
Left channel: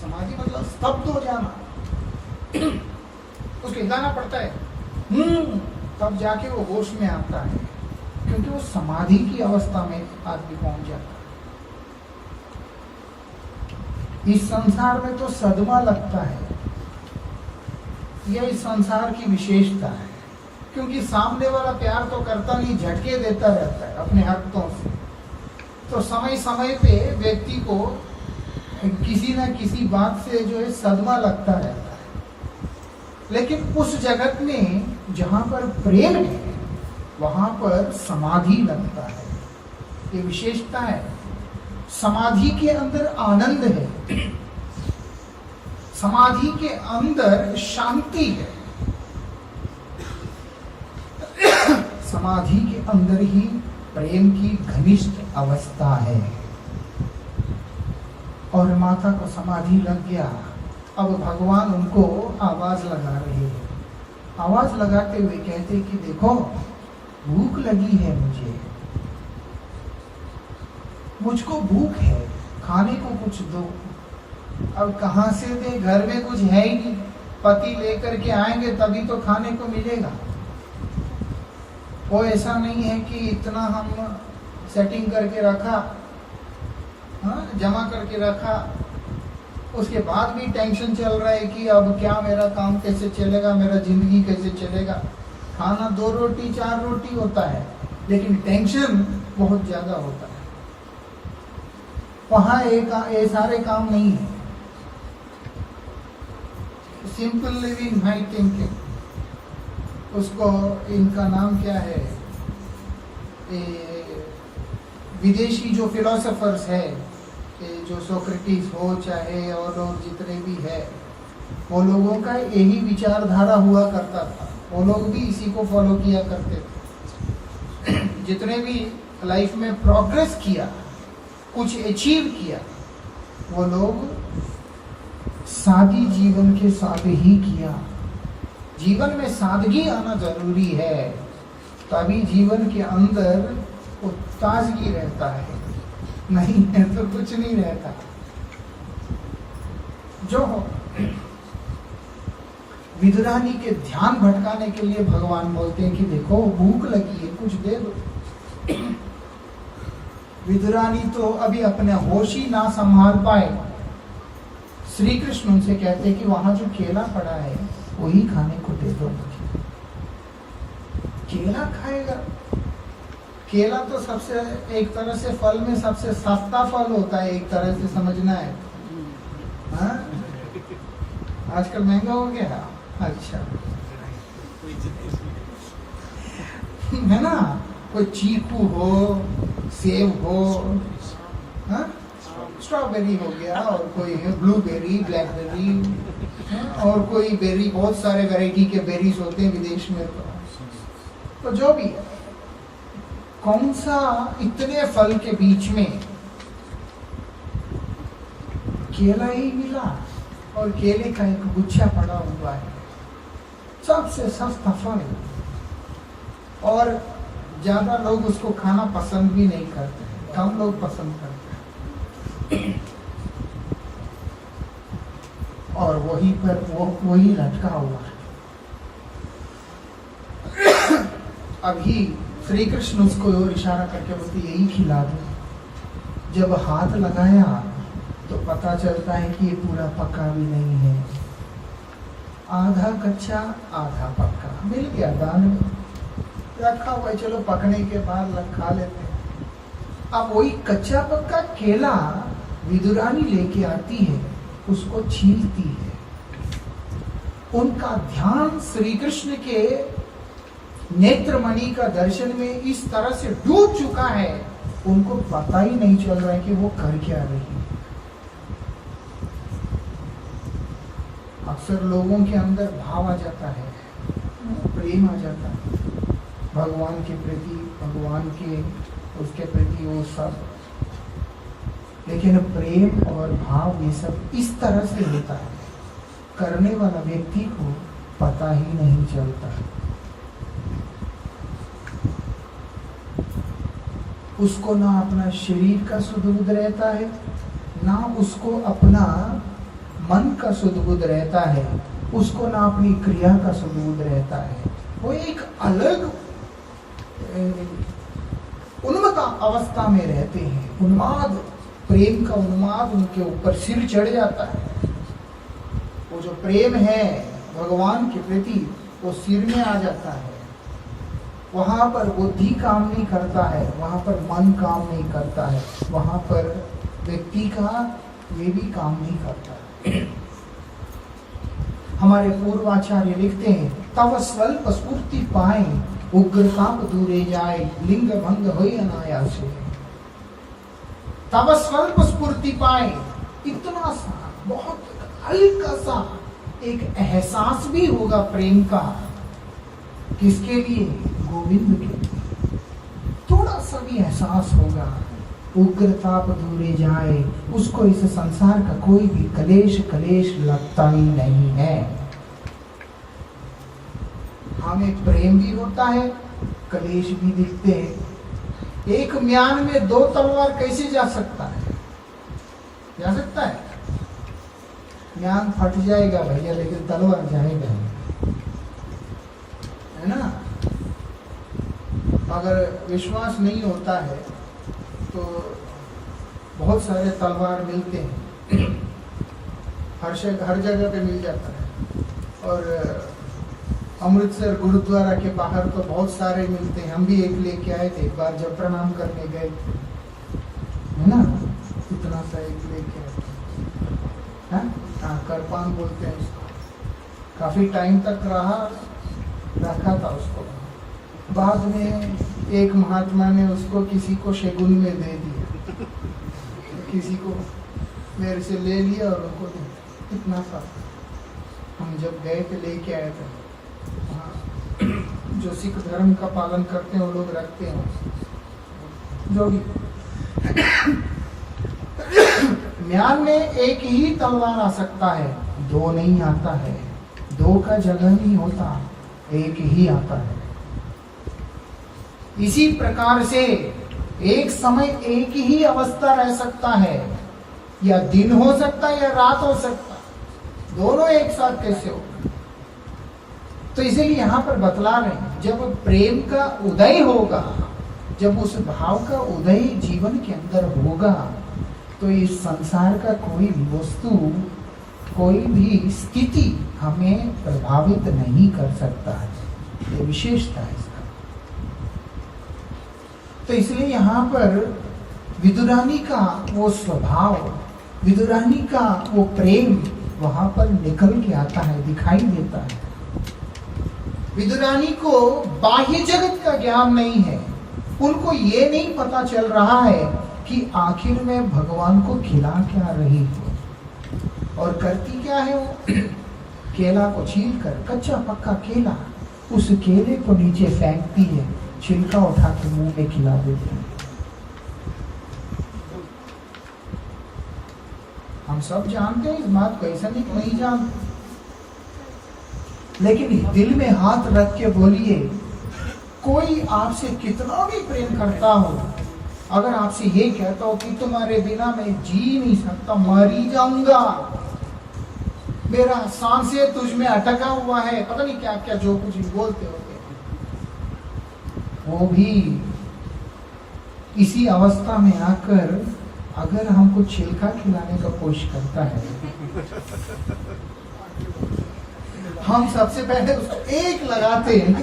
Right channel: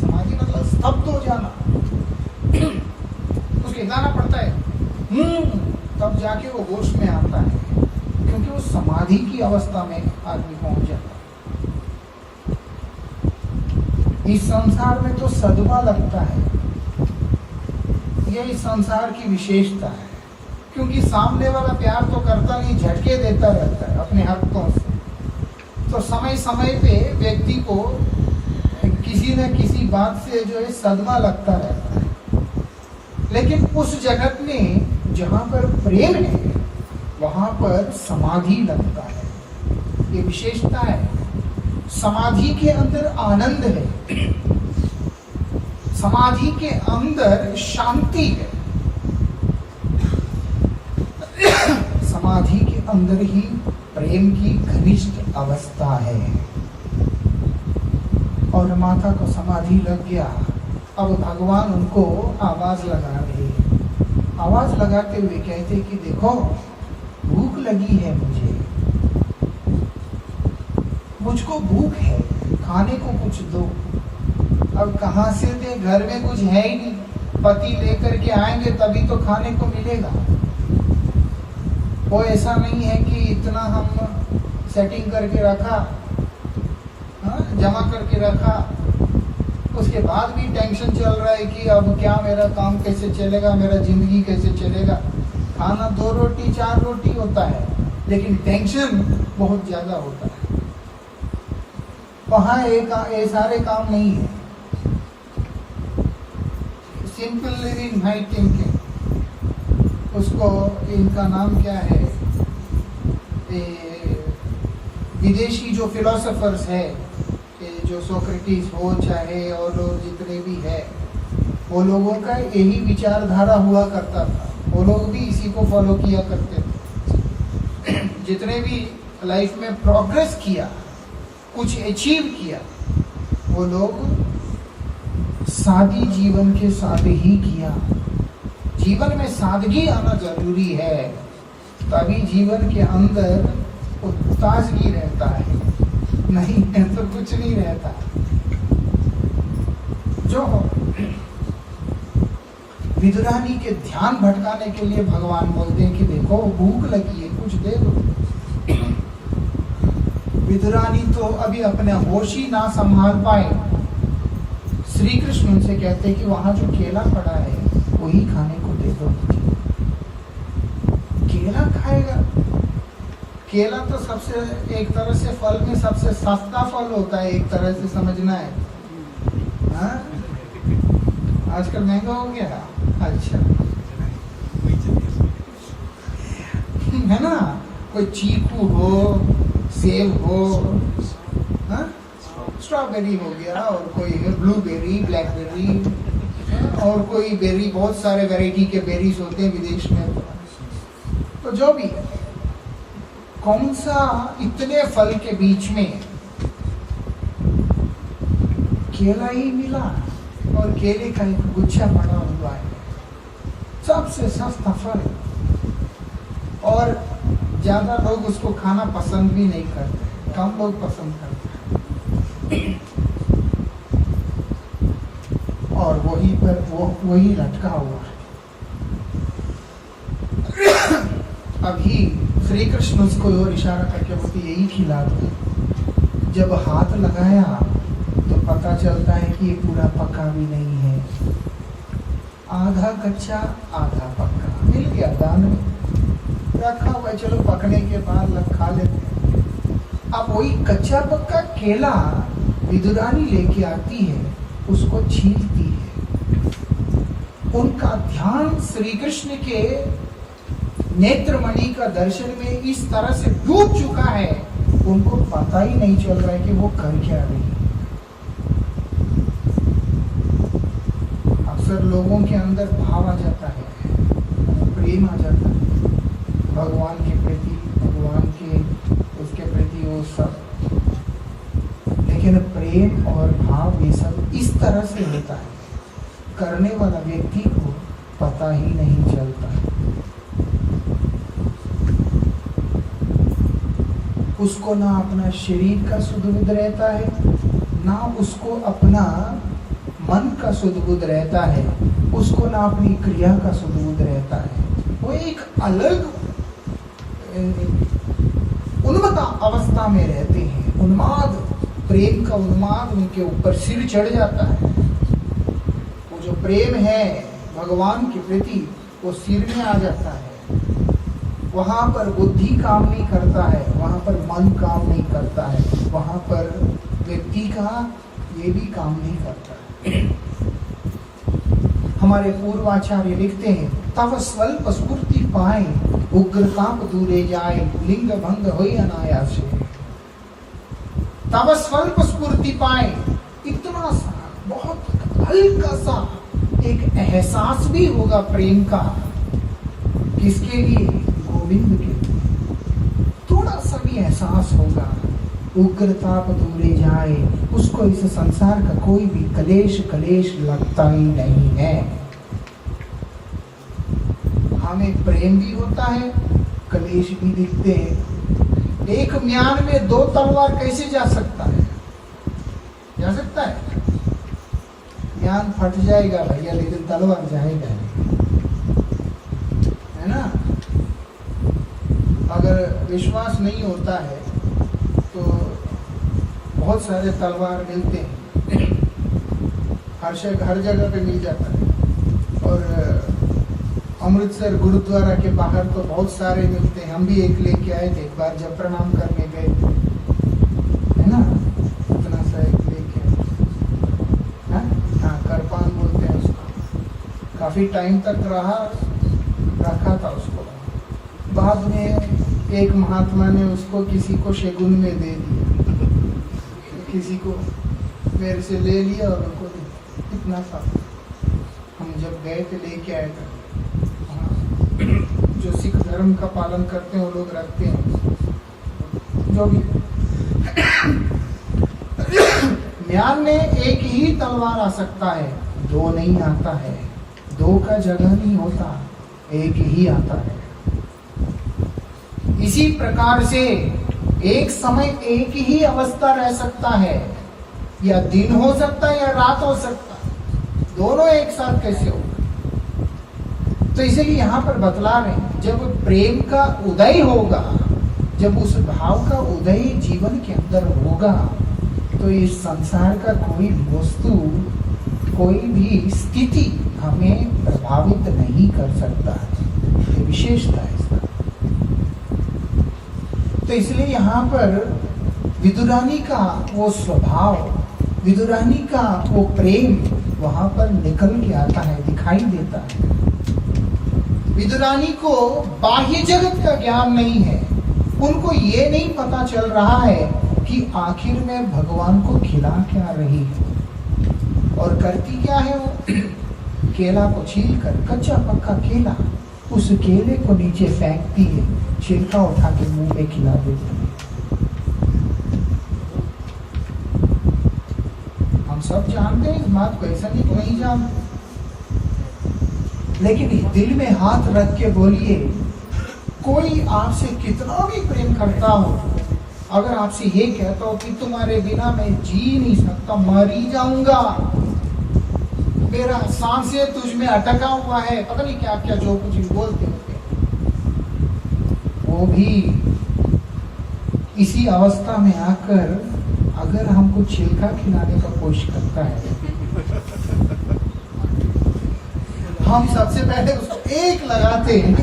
समाधि मतलब स्तब्ध हो जाना। तो उसको हिलाना पड़ता है, तब जाके वो होश में आता है, क्योंकि वो समाधि की अवस्था में आदमी पहुंच जाता है। इस संसार में तो सदमा लगता है, यह इस संसार की विशेषता है, क्योंकि सामने वाला प्यार तो करता नहीं, झटके देता रहता है अपने हरकतों से। तो समय समय पे व्यक्ति को किसी न किसी बात से जो है सदमा लगता रहता है। लेकिन उस जगत में जहां पर प्रेम है वहां पर समाधि लगता है। ये विशेषता है। समाधि के अंदर आनंद है, समाधि के अंदर शांति है, समाधि के अंदर ही प्रेम की घनिष्ठ अवस्था है। और माता को समाधि लग गया। अब भगवान उनको आवाज लगा रहे हैं। आवाज लगाते हुए कहते कि देखो, भूख लगी है, मुझको भूख है, खाने को कुछ दो। अब कहां से दे, घर में कुछ है ही नहीं। पति लेकर के आएंगे तभी तो खाने को मिलेगा। वो ऐसा नहीं है कि इतना हम सेटिंग करके रखा, जमा करके रखा, उसके बाद भी टेंशन चल रहा है कि अब क्या, मेरा काम कैसे चलेगा, मेरा जिंदगी कैसे चलेगा। खाना 2 रोटी 4 रोटी होता है, लेकिन टेंशन बहुत ज्यादा होता है। वहां ये सारे काम नहीं है। सिंपल लिविंग हाई थिंकिंग, उसको इनका नाम क्या है, विदेशी जो फिलोसोफर्स है, जो सोक्रेटिस हो चाहे और लोग जितने भी है, वो लोगों का यही विचारधारा हुआ करता था। वो लोग भी इसी को फॉलो किया करते थे। जितने भी लाइफ में प्रोग्रेस किया, कुछ अचीव किया, वो लोग सादी जीवन के साथ ही किया। जीवन में सादगी आना जरूरी है, तभी जीवन के अंदर वो ताजगी रहता है, नहीं है तो कुछ नहीं रहता। जो विदुरानी के ध्यान भटकाने के लिए भगवान बोलते हैं कि देखो, भूख लगी है, कुछ दे दो। विदुरानी तो अभी अपने होश ही ना संभाल पाए। श्री कृष्ण उनसे कहते हैं कि वहां जो केला पड़ा है वही खाने को दे दो मुझे। केला खाएगा? केला तो सबसे, एक तरह से फल में सबसे सस्ता फल होता है, एक तरह से समझना है। हाँ? आजकल महंगा हो गया। अच्छा है ना, कोई चीकू हो, सेब हो, हाँ? स्ट्रॉबेरी हो गया, और कोई ब्लूबेरी, ब्लैकबेरी, और कोई बेरी, बहुत सारे वैरायटी के बेरीज होते हैं विदेश में। तो जो भी है, कौन सा इतने फल के बीच में केला ही मिला, और केले का एक गुच्छा पड़ा हुआ है, सबसे सस्ता फल। और ज्यादा लोग उसको खाना पसंद भी नहीं करते, कम लोग पसंद करते हैं। और वहीं पर वही लटका हुआ है। अभी श्री कृष्ण उसको और इशारा करके बोलते यही खिला दो। जब हाथ लगाया तो पता चलता है कि ये पूरा पका भी नहीं है, आधा कच्चा आधा पक्का मिल गया, दान में रखा हुआ है, चलो पकने के बाद खा लेते हैं। अब वही कच्चा पक्का केला विदुरानी लेके आती है, उसको छीलती है। उनका ध्यान श्री कृष्ण के नेत्रमणि का दर्शन में इस तरह से डूब चुका है, उनको पता ही नहीं चल रहा है कि वो कर क्या रही है। अक्सर लोगों के अंदर भाव आ जाता है, प्रेम आ जाता है भगवान के प्रति, भगवान के उसके प्रति वो सब, लेकिन प्रेम और भाव ये सब इस तरह से होता है, करने वाला व्यक्ति को पता ही नहीं चलता। उसको ना अपना शरीर का सुध बुध रहता है, ना उसको अपना मन का सुध-बुध रहता है, उसको ना अपनी क्रिया का सुध-बुध रहता है। वो एक अलग उन्मत्त अवस्था में रहते हैं। उन्माद, प्रेम का उन्माद उनके ऊपर सिर चढ़ जाता है। वो जो प्रेम है भगवान के प्रति, वो सिर में आ जाता है। वहां पर बुद्धि काम नहीं करता है, वहां पर मन काम नहीं करता है, वहां पर व्यक्ति का ये भी काम नहीं करता है। हमारे पूर्वाचार्य लिखते हैं, तव स्वल्प स्फूर्ति पाए, उग्रताप दूरे जाए, लिंग भंग होई अनायासे। तव स्वल्प स्फूर्ति पाए, इतना सा बहुत हल्का सा एक एहसास भी होगा प्रेम का। किसके लिए? गोविंद के लिए। थोड़ा सा भी एहसास होगा, उग्रताप दूरे जाए, उसको इस संसार का कोई भी कलेश लगता ही नहीं है। हमें प्रेम भी होता है, कलेश भी दिखते हैं। एक म्यान में 2 तलवार कैसे जा सकता है? जा सकता है? म्यान फट जाएगा भैया, लेकिन तलवार जाएगा, है ना? अगर विश्वास नहीं होता है तो बहुत सारे तलवार मिलते हैं, हर जगह पे मिल जाता है। और अमृतसर गुरुद्वारा के बाहर तो बहुत सारे मिलते हैं। हम भी एक लेके आए थे एक बार, जब प्रणाम करने गए थे, है ना? इतना सा एक लेके आए, हाँ, करपान बोलते हैं उसको। काफी टाइम तक रखा था उसको। बाद में एक महात्मा ने उसको किसी को शगुन में दे दिया, किसी को मेरे से ले लिया और उनको दे दिया। इतना सा हम जब गए थे लेके आए थे। जो सिख धर्म का पालन करते हैं वो लोग रखते हैं जो भी। म्यान में एक ही तलवार आ सकता है, 2 नहीं आता है। 2 का जगह नहीं होता, एक ही आता है। इसी प्रकार से एक समय एक ही अवस्था रह सकता है, या दिन हो सकता है या रात हो सकता है। दोनों एक साथ कैसे हो? तो इसीलिए यहाँ पर बतला रहे हैं, जब प्रेम का उदय होगा, जब उस भाव का उदय जीवन के अंदर होगा, तो इस संसार का कोई भी वस्तु, कोई भी स्थिति हमें प्रभावित नहीं कर सकता है। ये विशेषता है इसका। तो इसलिए यहाँ पर विदुरानी का वो स्वभाव, विदुरानी का वो प्रेम वहां पर निकल के आता है, दिखाई देता है। विदुरानी को बाह्य जगत का ज्ञान नहीं है। उनको ये नहीं पता चल रहा है कि आखिर में भगवान को खिला क्या रही है और करती क्या है। वो केला को छील कर, कच्चा पक्का केला, उस केले को नीचे फेंकती है, छिलका उठा के मुंह में खिला देती है। हम सब जानते हैं इस बात को, ऐसा नहीं जानते। लेकिन दिल में हाथ रख के बोलिए, कोई आपसे कितना भी प्रेम करता हो, अगर आपसे ये कहता हो कि तुम्हारे बिना मैं जी नहीं सकता, मर ही जाऊंगा, मेरा सांसें तुझ में अटका हुआ है, पता नहीं क्या क्या जो कुछ बोलते होते, वो भी इसी अवस्था में आकर अगर हमको छिलका खिलाने का कोशिश करता है, हम सबसे पहले उसको एक लगाते हैं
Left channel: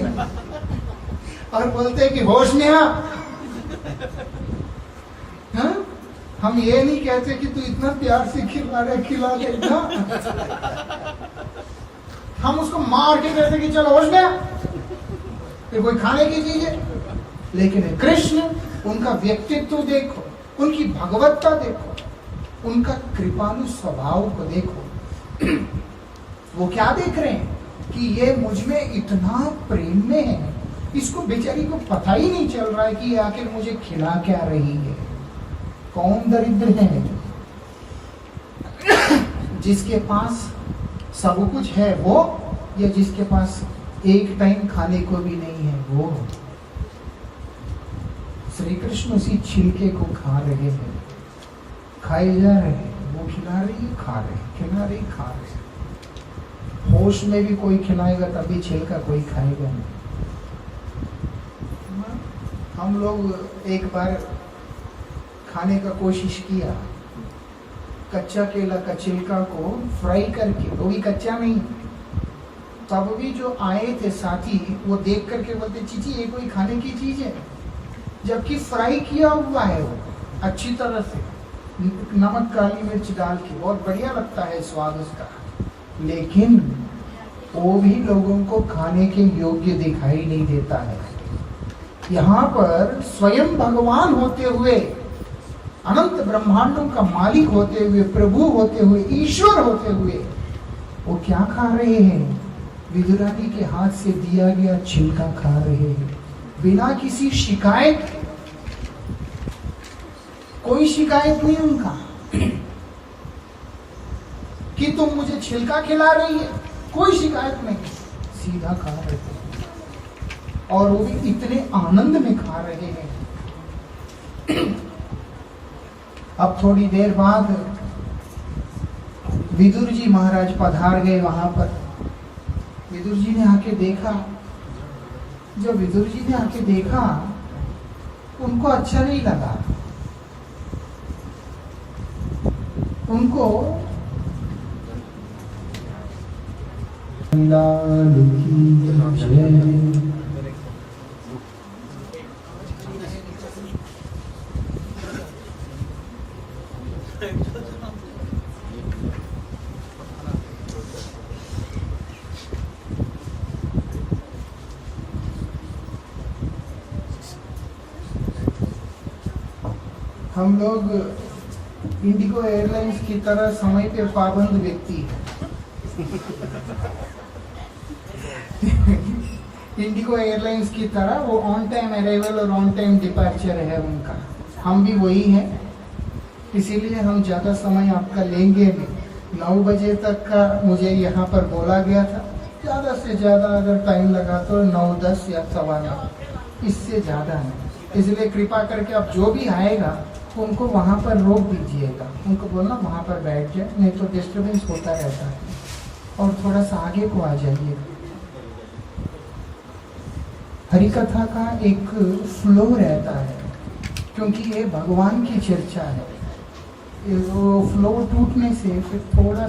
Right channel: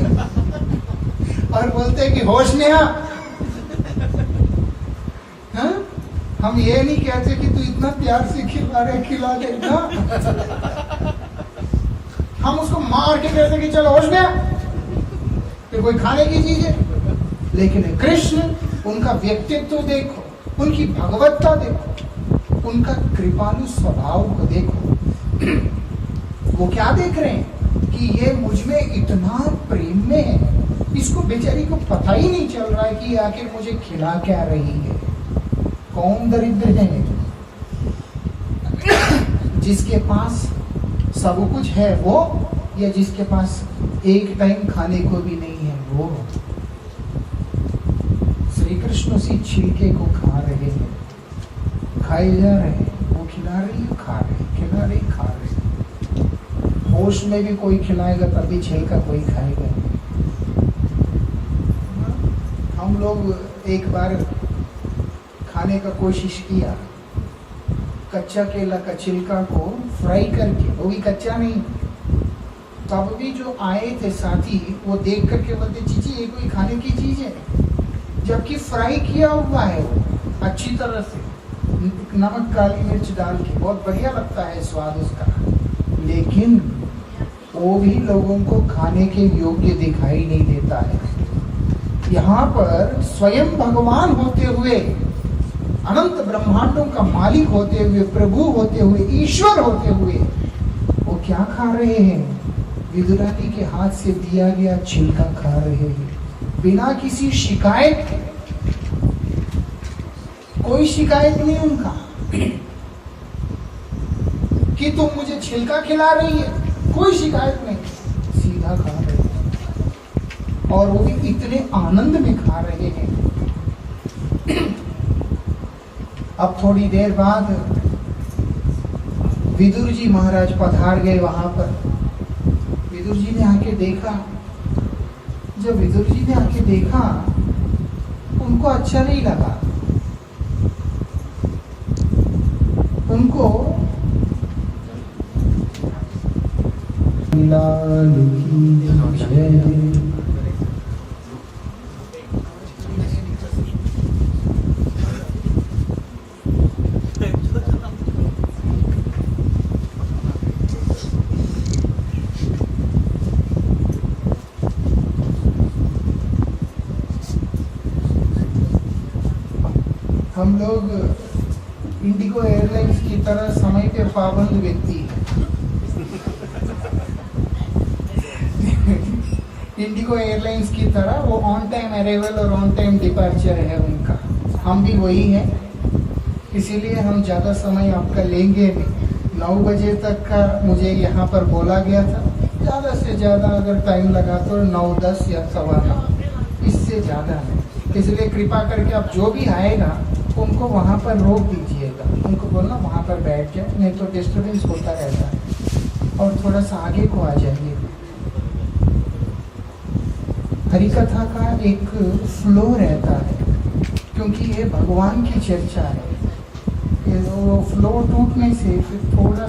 और बोलते हैं कि होश में आ। हाँ? हम ये नहीं कहते कि तू इतना प्यार से खिला दे ना। हम उसको मार के कहते कि चलो होश में आ, ये कोई खाने की चीज है। लेकिन कृष्ण, उनका व्यक्तित्व देखो, उनकी भगवत्ता देखो, उनका कृपालु स्वभाव को देखो। वो क्या देख रहे हैं कि ये मुझ में इतना प्रेम में है, इसको बेचारी को पता ही नहीं चल रहा है कि आखिर मुझे खिला क्या रही है। कौन दरिद्र है जिसके पास सब कुछ है वो, या जिसके पास एक टाइम खाने को भी नहीं है वो। श्री कृष्ण उसी छिलके को खा रहे हैं, खाए जा रहे हैं, वो खिला रही है, खा रहे, खिला रही, खा रहे। होश में भी कोई खिलाएगा तभी छिलका कोई खाएगा। हम लोग एक बार खाने का कोशिश किया, कच्चा केला का छिलका को फ्राई करके, वो भी कच्चा नहीं, तब भी जो आए थे साथी वो देख करके बोलते चीची ये कोई खाने की चीज है, जबकि फ्राई किया हुआ है वो अच्छी तरह से, नमक काली मिर्च डाल के, बहुत बढ़िया लगता है स्वाद उसका, लेकिन वो भी लोगों को खाने के योग्य दिखाई नहीं देता है। यहाँ पर स्वयं भगवान होते हुए, अनंत ब्रह्मांडों का मालिक होते हुए, प्रभु होते हुए, ईश्वर होते हुए, वो क्या खा रहे हैं? विदुरानी के हाथ से दिया गया छिलका खा रहे हैं, बिना किसी शिकायत के। कोई शिकायत नहीं उनका कि तुम मुझे छिलका खिला रही है, कोई शिकायत नहीं, सीधा खा रहे हैं, और वो भी इतने आनंद में खा रहे हैं। अब थोड़ी देर बाद विदुर जी महाराज पधार गए वहां पर। विदुर जी ने आके देखा, जब विदुर जी ने आके देखा उनको अच्छा नहीं लगा, उनको लाल की जय। हम लोग इंडिगो एयरलाइंस की तरह समय पे पाबंद व्यक्ति है। इंडिगो एयरलाइंस की तरह वो ऑन टाइम अराइवल और ऑन टाइम डिपार्चर है उनका, हम भी वही हैं, इसीलिए हम ज्यादा समय आपका लेंगे नहीं। 9 बजे तक का मुझे यहाँ पर बोला गया था, ज्यादा से ज्यादा अगर टाइम लगा तो 9, 10 या 9:15, इससे ज्यादा नहीं। इसलिए कृपा करके आप जो भी आएगा उनको वहां पर रोक दीजिएगा, उनको बोलना वहां पर बैठ जाए, नहीं तो डिस्टर्बेंस होता रहता है, और थोड़ा सा आगे को आ जाइए। हरिकथा का एक फ्लो रहता है, क्योंकि ये भगवान की चर्चा है, वो फ्लो टूटने से फिर थोड़ा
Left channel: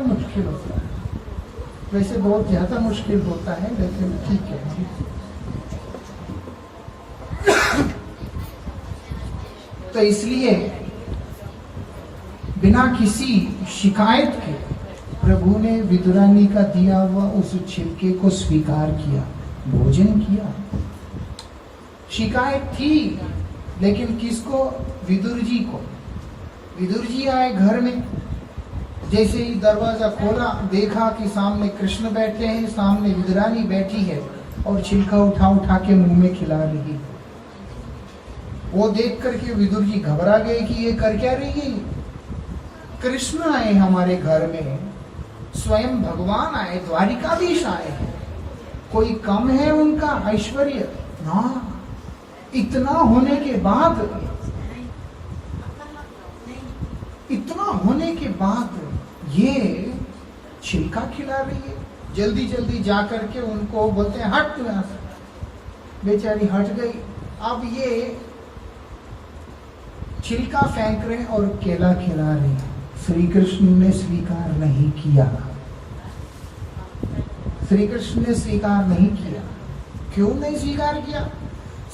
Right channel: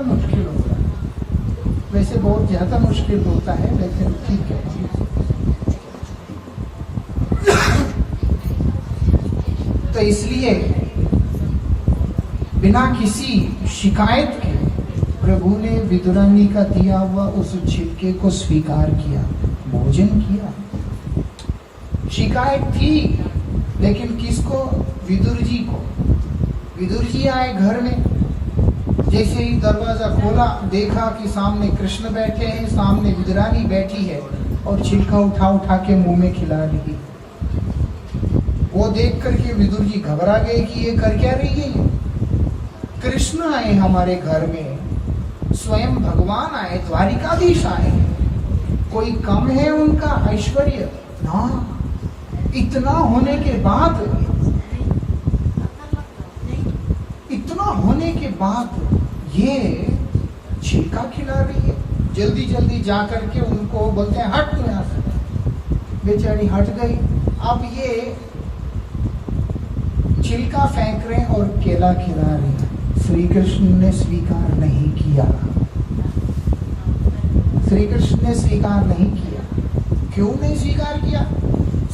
मुश्किल होता है। वैसे बहुत ज्यादा मुश्किल होता है, लेकिन ठीक है। तो इसलिए बिना किसी शिकायत के प्रभु ने विदुरानी का दिया हुआ उस छिलके को स्वीकार किया, भोजन किया। शिकायत थी, लेकिन किसको? विदुर जी को। विदुर जी आए घर में, जैसे ही दरवाजा खोला देखा कि सामने कृष्ण बैठे हैं, सामने विदुरानी बैठी है और छिलका उठा उठा के मुंह में खिला रही है। वो देख करके विदुर जी घबरा गए कि ये कर क्या रही है। कृष्ण आए हमारे घर में, स्वयं भगवान आए, द्वारिकाधीश आए, कोई कम है उनका ऐश्वर्य? ना, इतना होने के बाद ये छिलका खिला रही है। जल्दी जल्दी जा करके उनको बोलते हैं हट तू यहाँ से। बेचारी हट गई। अब ये छिलका फेंक रहे और केला खिला रहे हैं। श्री कृष्ण ने स्वीकार नहीं किया। श्री कृष्ण ने स्वीकार नहीं किया। क्यों नहीं स्वीकार किया?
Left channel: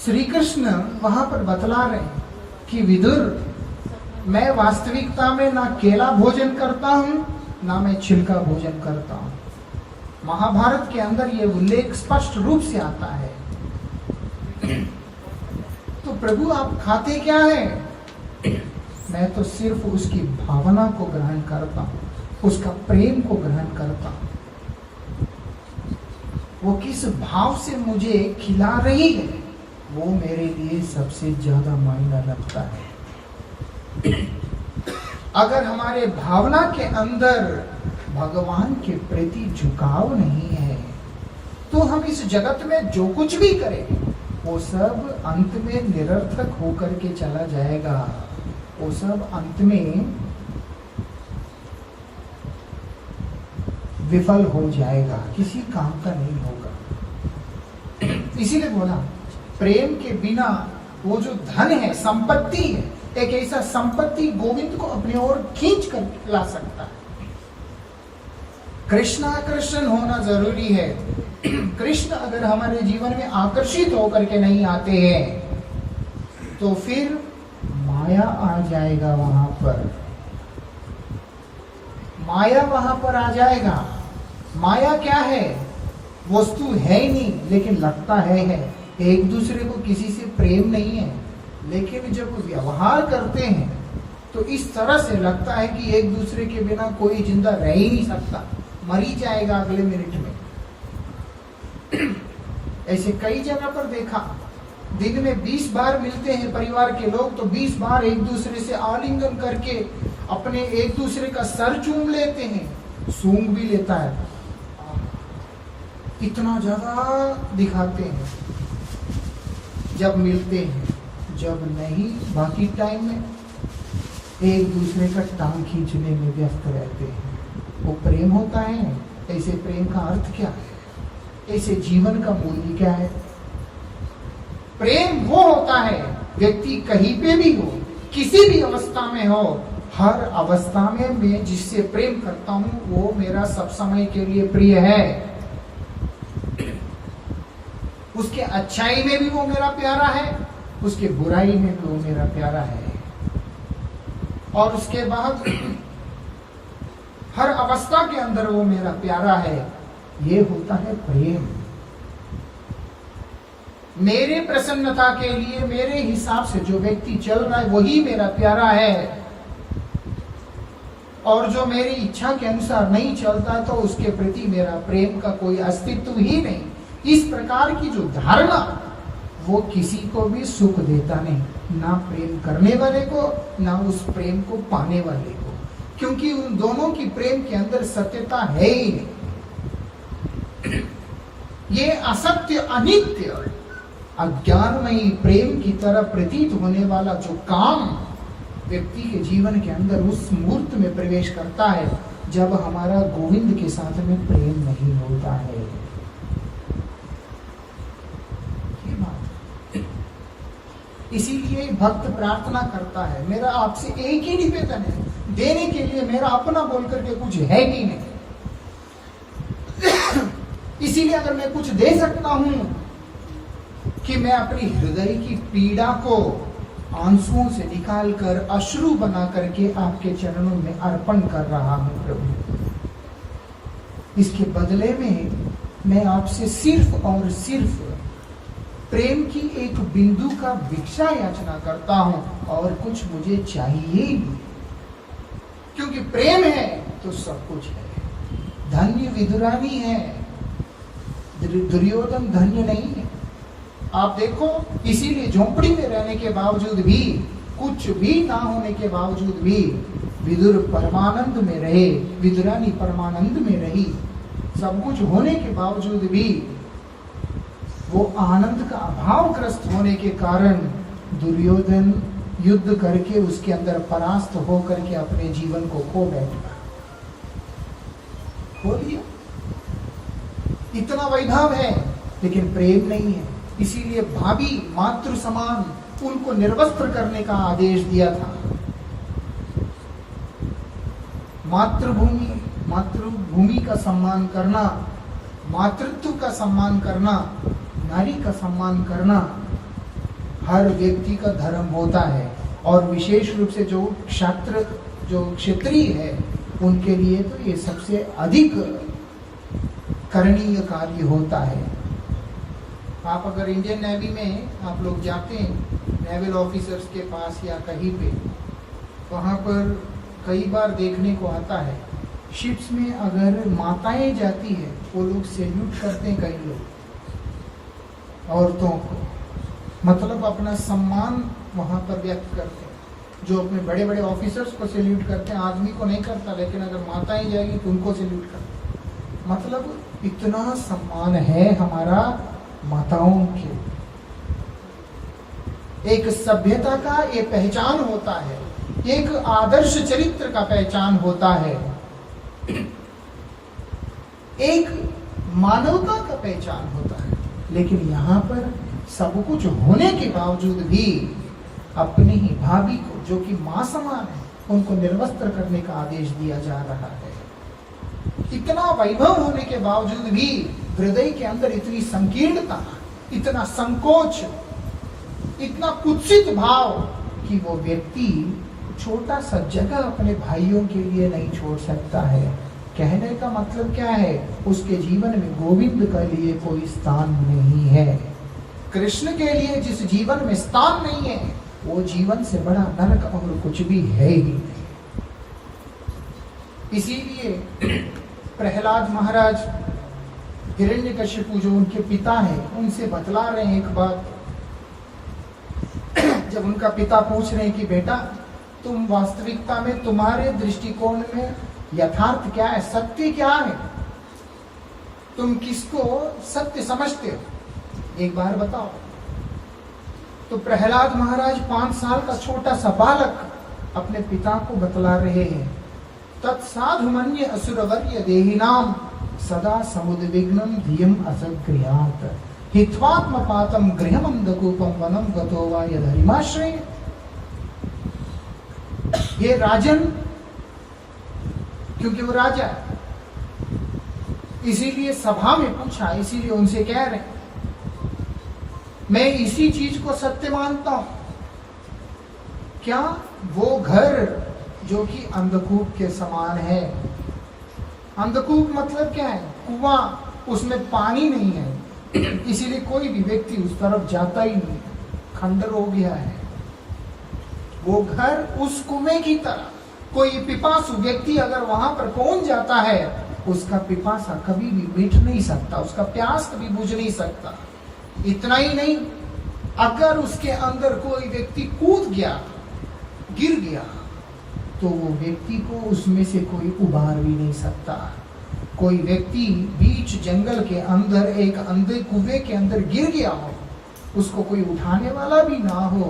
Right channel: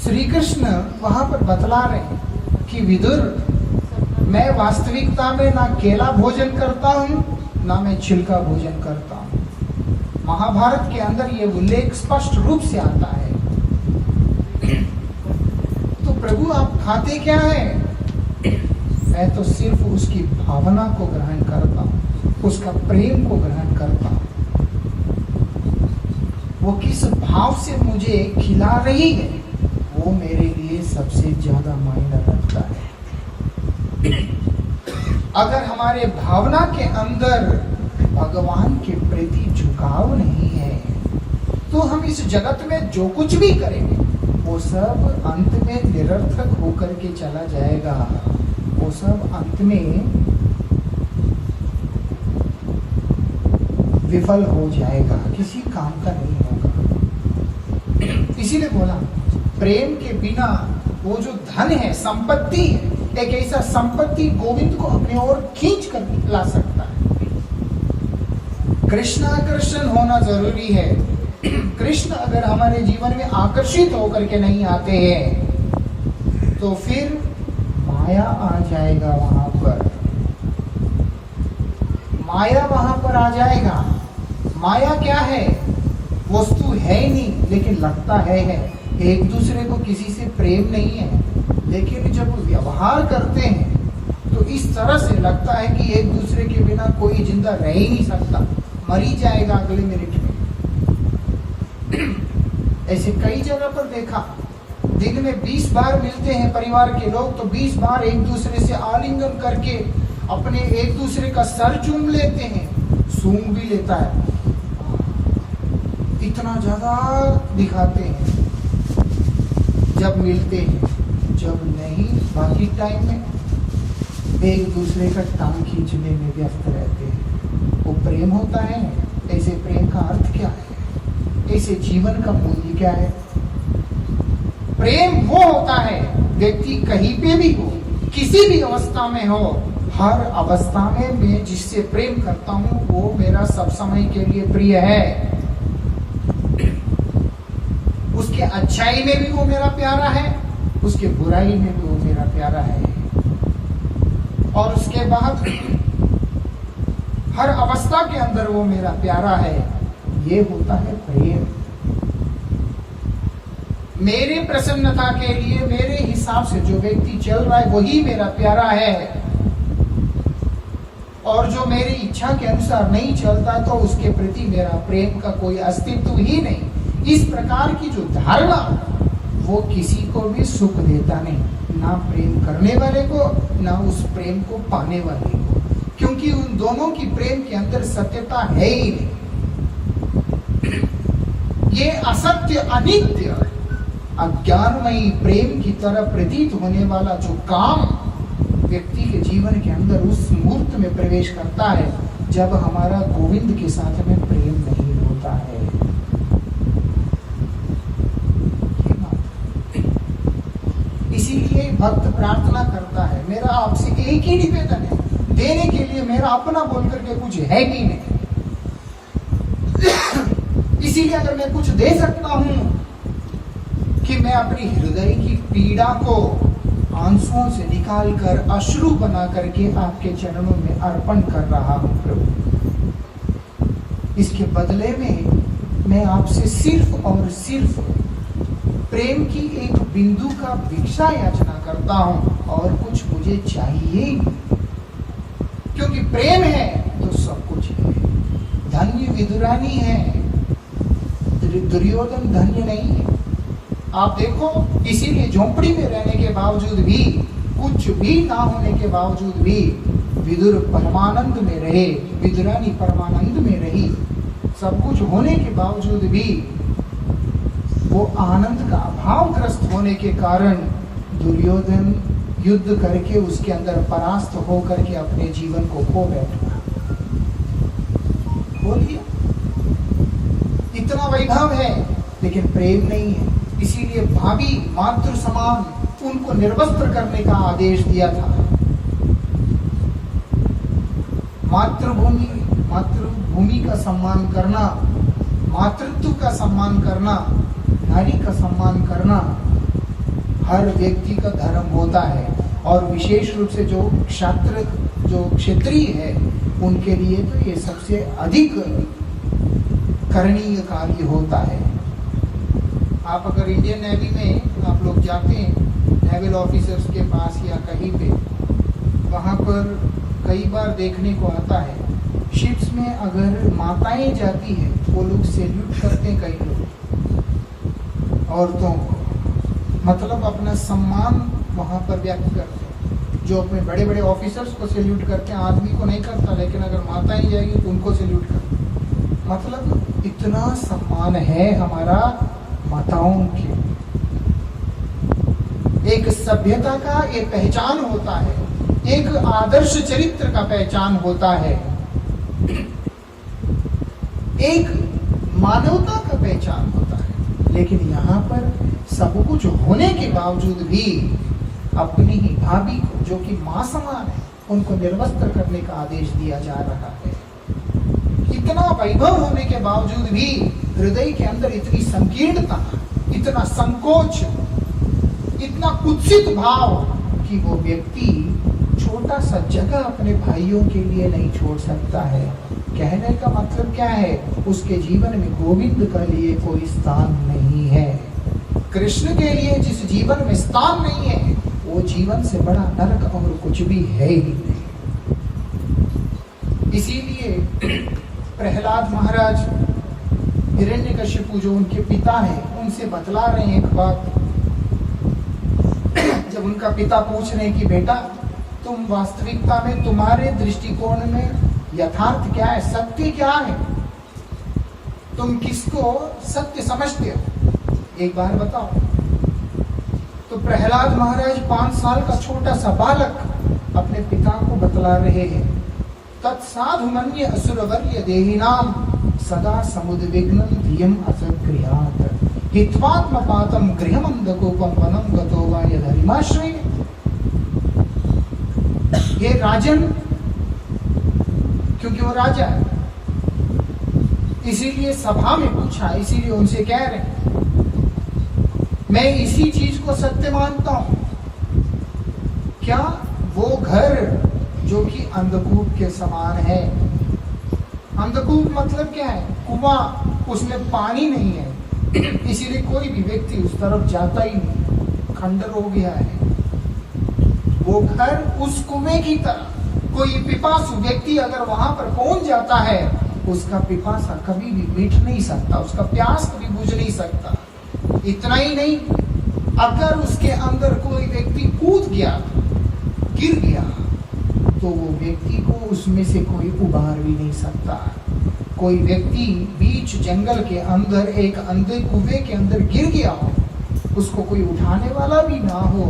श्री कृष्ण वहां पर बतला रहे हैं कि विदुर, मैं वास्तविकता में ना केला भोजन करता हूं, ना मैं छिलका भोजन करता हूं। महाभारत के अंदर ये उल्लेख स्पष्ट रूप से आता है। तो प्रभु आप खाते क्या है? मैं तो सिर्फ उसकी भावना को ग्रहण करता हूं, उसका प्रेम को ग्रहण करता हूं। वो किस भाव से मुझे खिला रही है, वो मेरे लिए सबसे ज्यादा मायना रखता है। अगर हमारे भावना के अंदर भगवान के प्रति झुकाव नहीं है, तो हम इस जगत में जो कुछ भी करें वो सब अंत में निरर्थक होकर के चला जाएगा। वो सब अंत में विफल हो जाएगा, किसी काम का नहीं होगा। इसीलिए बोला प्रेम के बिना वो जो धन है, संपत्ति है, एक ऐसा संपत्ति गोविंद को अपने ओर खींच कर ला सकता है। कृष्ण आकर्षण होना जरूरी है। कृष्ण अगर हमारे जीवन में आकर्षित होकर के नहीं आते हैं तो फिर माया आ जाएगा वहां पर, माया वहां पर आ जाएगा। माया क्या है? वस्तु है ही नहीं लेकिन लगता है। एक दूसरे को किसी से प्रेम नहीं है, लेकिन जब व्यवहार करते हैं तो इस तरह से लगता है कि एक दूसरे के बिना कोई जिंदा रह ही नहीं सकता, मर ही जाएगा अगले मिनट में। ऐसे कई जगह पर देखा, दिन में 20 बार मिलते हैं परिवार के लोग तो 20 बार एक दूसरे से आलिंगन करके अपने एक दूसरे का सर चूम लेते हैं, सूंघ भी लेता है, इतना ज्यादा दिखाते हैं जब मिलते हैं। जब नहीं, बाकी टाइम में एक दूसरे का टांग खींचने में व्यस्त रहते हैं। वो प्रेम होता है? ऐसे प्रेम का अर्थ क्या है? ऐसे जीवन का मूल्य क्या है? प्रेम वो होता है, व्यक्ति कहीं पे भी हो, किसी भी अवस्था में हो, हर अवस्था में मैं जिससे प्रेम करता हूं वो मेरा सब समय के लिए प्रिय है। उसके अच्छाई में भी वो मेरा प्यारा है, उसके बुराई में भी वो मेरा प्यारा है, और उसके बाद हर अवस्था के अंदर वो मेरा प्यारा है। ये होता है प्रेम। मेरे प्रसन्नता के लिए मेरे हिसाब से जो व्यक्ति चल रहा है वही मेरा प्यारा है, और जो मेरी इच्छा के अनुसार नहीं चलता तो उसके प्रति मेरा प्रेम का कोई अस्तित्व ही नहीं। इस प्रकार की जो धारणा वो किसी को भी सुख देता नहीं, ना प्रेम करने वाले को ना उस प्रेम को पाने वाले को, क्योंकि उन दोनों की प्रेम के अंदर सत्यता है ही नहीं। ये असत्य, अनित्य, अज्ञानमयी प्रेम की तरह प्रतीत होने वाला जो काम व्यक्ति के जीवन के अंदर उस मुहूर्त में प्रवेश करता है जब हमारा गोविंद के साथ में प्रेम नहीं होता है। इसीलिए भक्त प्रार्थना करता है, मेरा आपसे एक ही निवेदन है, देने के लिए मेरा अपना बोल करके कुछ है ही नहीं। इसीलिए अगर मैं कुछ दे सकता हूं कि मैं अपनी हृदय की पीड़ा को आंसुओं से निकालकर अश्रु बना करके आपके चरणों में अर्पण कर रहा हूं प्रभु, इसके बदले में मैं आपसे सिर्फ और सिर्फ प्रेम की एक बिंदु का भिक्षा याचना करता हूं, और कुछ मुझे चाहिए नहीं, क्योंकि प्रेम है तो सब कुछ है। धन्य विदुरानी है, दुर्योधन धन्य नहीं है। आप देखो, इसीलिए झोंपड़ी में रहने के बावजूद भी, कुछ भी ना होने के बावजूद भी विदुर परमानंद में रहे, विदुरानी परमानंद में रही। सब कुछ होने के बावजूद भी वो आनंद का अभावग्रस्त होने के कारण दुर्योधन युद्ध करके उसके अंदर परास्त होकर के अपने जीवन को खो बैठा, खो लिया। इतना वैभव है लेकिन प्रेम नहीं है। इसीलिए भाभी मातृ समान उनको निर्वस्त्र करने का आदेश दिया था। मातृभूमि का सम्मान करना, मातृत्व का सम्मान करना, नारी का सम्मान करना हर व्यक्ति का धर्म होता है, और विशेष रूप से जो क्षत्रिय है उनके लिए तो ये सबसे अधिक करणीय कार्य होता है। आप अगर इंडियन नेवी में आप लोग जाते हैं नेवल ऑफिसर्स के पास या कहीं पे, वहां पर कई बार देखने को आता है शिप्स में अगर माताएं जाती है वो लोग सैल्यूट करते हैं, कई लोग औरतों को, मतलब अपना सम्मान वहां पर व्यक्त करते हैं। जो अपने बड़े बड़े ऑफिसर्स को सैल्यूट करते हैं, आदमी को नहीं करता, लेकिन अगर माताएं जाएगी तो उनको सैल्यूट करते हैं। मतलब इतना सम्मान है हमारा माताओं के, एक सभ्यता का ये पहचान होता है, एक आदर्श चरित्र का पहचान होता है, एक मानवता का पहचान होता है। लेकिन यहाँ पर सब कुछ होने के बावजूद भी अपनी ही भाभी को, जो कि मां समान है, उनको निर्वस्त्र करने का आदेश दिया जा रहा है। इतना वैभव होने के बावजूद भी हृदय के अंदर इतनी संकीर्णता, इतना संकोच, इतना कुत्सित भाव कि वो व्यक्ति छोटा सा जगह अपने भाइयों के लिए नहीं छोड़ सकता है। कहने का मतलब क्या है? उसके जीवन में गोविंद के लिए कोई स्थान नहीं है। कृष्ण के लिए जिस जीवन में स्थान नहीं है, वो जीवन से बड़ा नरक और कुछ भी है ही। इसीलिए प्रहलाद महाराज हिरण्यकशिपु जो उनके पिता हैं, उनसे बतला रहे हैं एक बात। जब उनका पिता पूछ रहे हैं कि बेटा, तुम वास्तविकता में, तुम्हारे दृष्टिकोण में यथार्थ क्या है, सत्य क्या है, तुम किसको सत्य समझते हो, एक बार बताओ। तो प्रहलाद महाराज 5 साल का छोटा सा बालक अपने पिता को बतला रहे हैं। तत्साधुमन्य असुरवर्य देहिनाम सदा समुद्विग्नं धियम असगृहात् हित्वात्मपातं गृहमंदकूपं वनं गतो वा यदहिमाश्रय। ये राजन, क्योंकि वो राजा है, इसीलिए सभा में पूछा, इसीलिए उनसे कह रहे हैं मैं इसी चीज को सत्य मानता हूं। क्या वो घर जो कि अंधकूप के समान है, अंधकूप मतलब क्या है? कुआं, उसमें पानी नहीं है, इसीलिए कोई भी व्यक्ति उस तरफ जाता ही नहीं, खंडर हो गया है। वो घर उस कुएं की तरह, कोई पिपासु व्यक्ति अगर वहां पर पहुंच जाता है, उसका पिपासा कभी भी मिट नहीं सकता, उसका प्यास कभी बुझ नहीं सकता। इतना ही नहीं, अगर उसके अंदर कोई व्यक्ति कूद गया, गिर गया, तो वो व्यक्ति को उसमें से कोई उबार भी नहीं सकता। कोई व्यक्ति बीच जंगल के अंदर एक अंधे कुएं के अंदर गिर गया हो, उसको कोई उठाने वाला भी ना हो,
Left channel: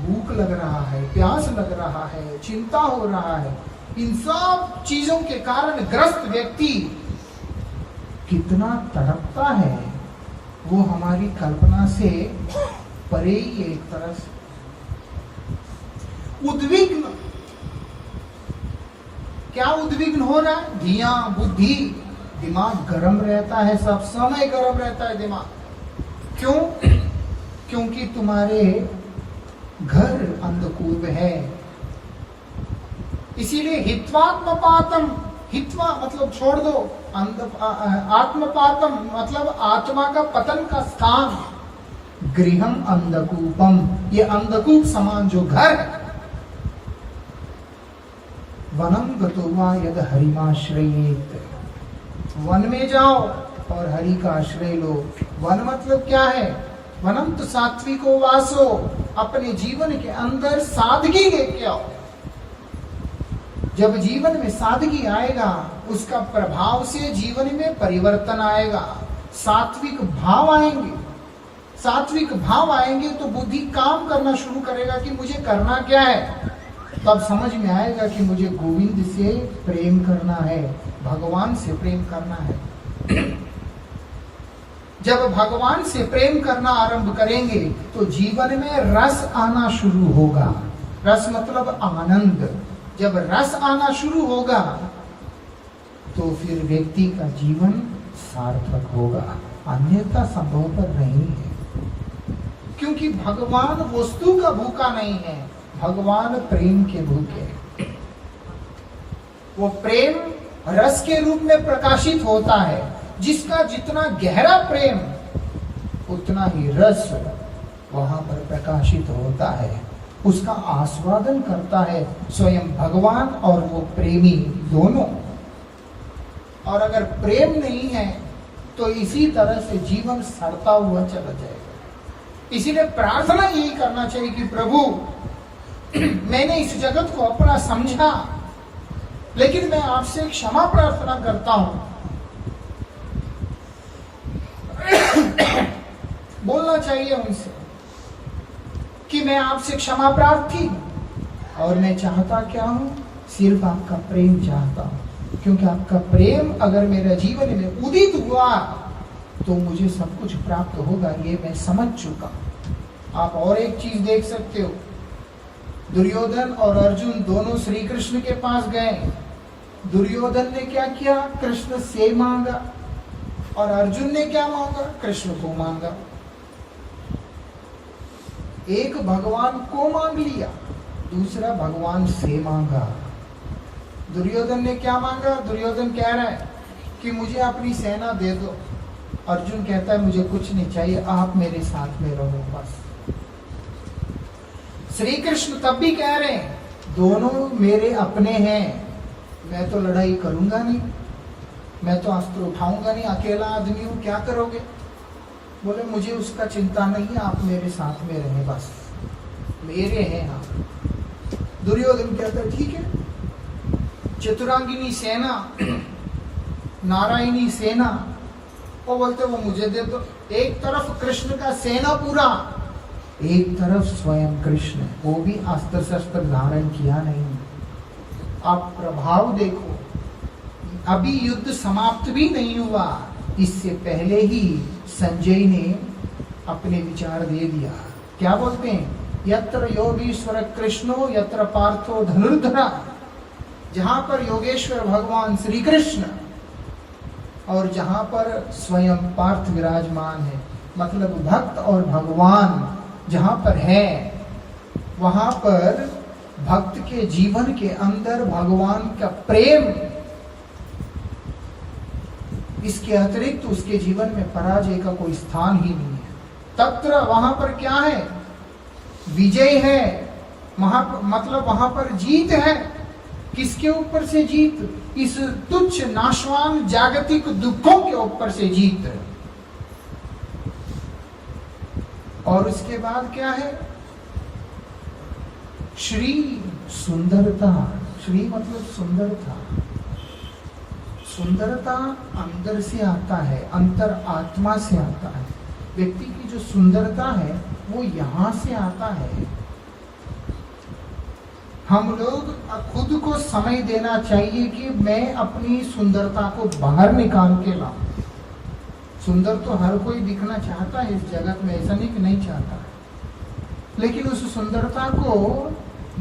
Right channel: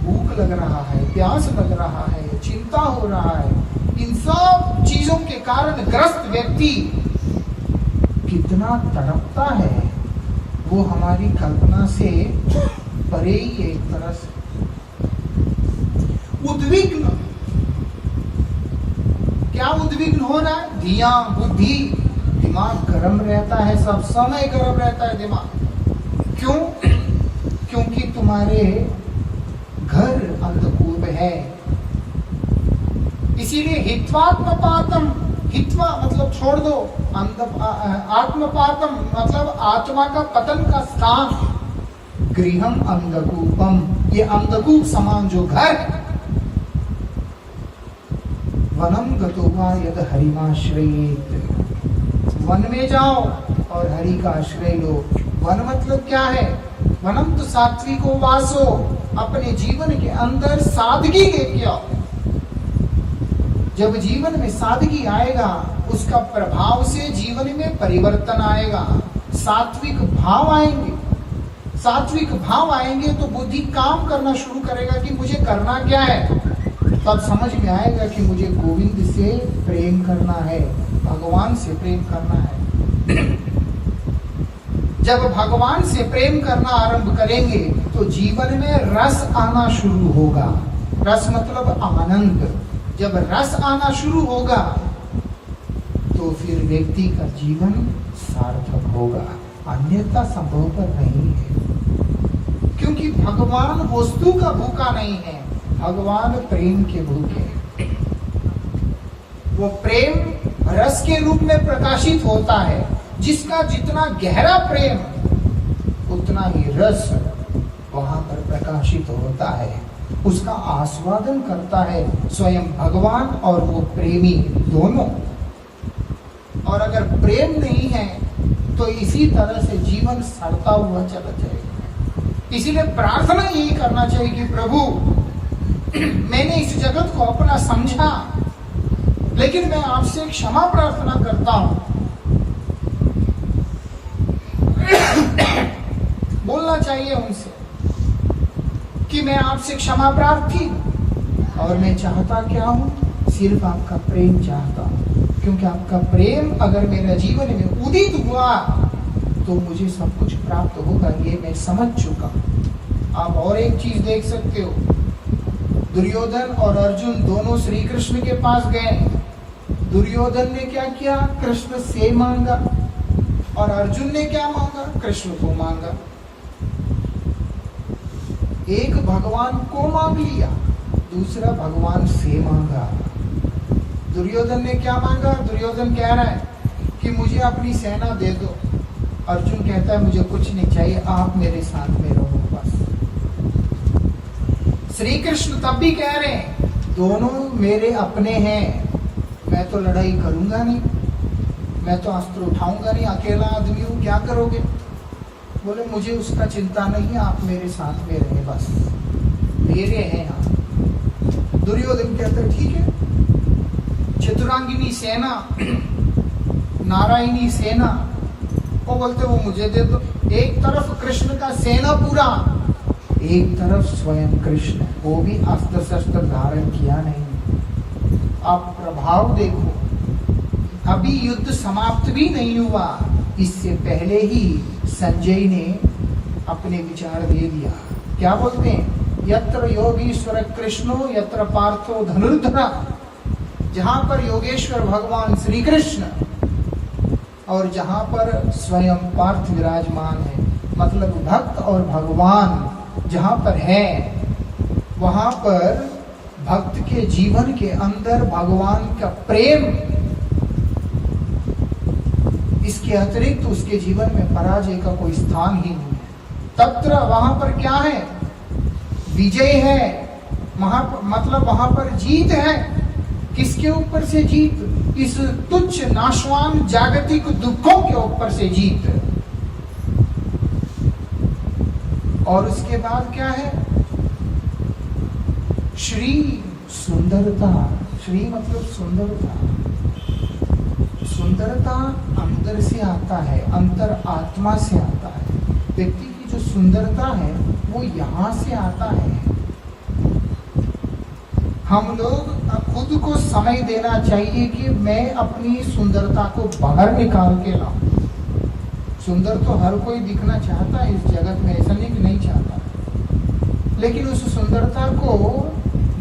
भूख लग रहा है, प्यास लग रहा है, चिंता हो रहा है, इन सब चीजों के कारण ग्रस्त व्यक्ति कितना तड़पता है, वो हमारी कल्पना से परे ही है। एक तरह से उद्विग्न, क्या उद्विग्न हो रहा है? धिया, बुद्धि, दिमाग गर्म रहता है, सब समय गर्म रहता है दिमाग। क्यों? क्योंकि तुम्हारे घर अंधकूप है। इसीलिए हित्वात्मपातम, हित्वा मतलब छोड़ दो, आत्मपातम मतलब आत्मा का पतन का स्थान, गृहम अंधकूपम, ये अंधकूप समान जो घर है। वनम गतो वा यद हरिमाश्रयेत, वन में जाओ और हरि का आश्रय लो। वन मतलब क्या है? वनम तो सात्विको वासो, अपने जीवन के अंदर सादगी लेके आओ। जब जीवन में सादगी आएगा, उसका प्रभाव से जीवन में परिवर्तन आएगा, सात्विक भाव आएंगे। सात्विक भाव आएंगे तो बुद्धि काम करना शुरू करेगा कि मुझे करना क्या है। तब समझ में आएगा कि मुझे गोविंद से प्रेम करना है, भगवान से प्रेम करना है। जब भगवान से प्रेम करना आरंभ करेंगे तो जीवन में रस आना शुरू होगा। रस मतलब आनंद। जब रस आना शुरू होगा तो फिर व्यक्ति का जीवन सार्थक होगा, अन्यथा संभवतः नहीं है। क्योंकि भगवान वस्तु का भूखा नहीं है, भगवान प्रेम के भूखे हैं। वो प्रेम रस के रूप में प्रकाशित होता है। जिसका जितना गहरा प्रेम, उतना ही रस वहां पर प्रकाशित होता है। उसका आस्वादन करता है स्वयं भगवान और वो प्रेमी दोनों। और अगर प्रेम नहीं है तो इसी तरह से जीवन सड़ता हुआ चला जाएगा। इसीलिए प्रार्थना यही करना चाहिए कि प्रभु, मैंने इस जगत को अपना समझा, लेकिन मैं आपसे क्षमा प्रार्थना करता हूं। बोलना चाहिए उनसे, कि मैं आपसे क्षमा प्रार्थी हूं, और मैं चाहता क्या हूं? सिर्फ आपका प्रेम चाहता हूं, क्योंकि आपका प्रेम अगर मेरा जीवन में उदित हुआ तो मुझे सब कुछ प्राप्त होगा, ये मैं समझ चुका हूं। आप और एक चीज देख सकते हो, दुर्योधन और अर्जुन दोनों श्री कृष्ण के पास गए। दुर्योधन ने क्या किया? कृष्ण से मांगा, और अर्जुन ने क्या मांगा? कृष्ण को मांगा। एक भगवान को मांग लिया, दूसरा भगवान से मांगा। दुर्योधन ने क्या मांगा? दुर्योधन कह रहा है कि मुझे अपनी सेना दे दो। अर्जुन कहता है मुझे कुछ नहीं चाहिए, आप मेरे साथ में रहो बस। श्री कृष्ण तब भी कह रहे हैं दोनों मेरे अपने हैं, मैं तो लड़ाई करूंगा नहीं, मैं तो अस्त्र उठाऊंगा नहीं, अकेला आदमी हूं, क्या करोगे? बोले मुझे उसका चिंता नहीं है, आप मेरे साथ में रहे बस, मेरे हैं आप। दुर्योधन कहता है ठीक है। चतुरांगिनी सेना, नारायणी सेना, वो बोलते वो मुझे दे दो। एक तरफ कृष्ण का सेना पूरा, एक तरफ स्वयं कृष्ण, वो भी अस्त्र शस्त्र धारण किया नहीं। आप प्रभाव देखो, अभी युद्ध समाप्त भी नहीं हुआ, इससे पहले ही संजय ने अपने विचार दे दिया। क्या बोलते हैं? यत्र योगीश्वर कृष्णो यत्र पार्थो धनुर्धरा। जहां पर योगेश्वर भगवान श्री कृष्ण और जहां पर स्वयं पार्थ विराजमान है, मतलब भक्त और भगवान जहां पर है, वहां पर भक्त के जीवन के अंदर भगवान का प्रेम, इसके अतिरिक्त उसके जीवन में पराजय का कोई स्थान ही नहीं है। तत्र वहां पर क्या है? विजय है, मतलब वहां पर जीत है। किसके ऊपर से जीत? इस तुच्छ नाशवान जागतिक दुखों के ऊपर से जीत। और उसके बाद क्या है? श्री सुंदरता। श्री मतलब सुंदरता। सुंदरता अंदर से आता है, अंतर आत्मा से आता है। व्यक्ति की जो सुंदरता है वो यहां से आता है। हम लोग खुद को समय देना चाहिए कि मैं अपनी सुंदरता को बाहर निकाल के लाऊं। सुंदर तो हर कोई दिखना चाहता है इस जगत में, ऐसा नहीं कि नहीं चाहता, लेकिन उस सुंदरता को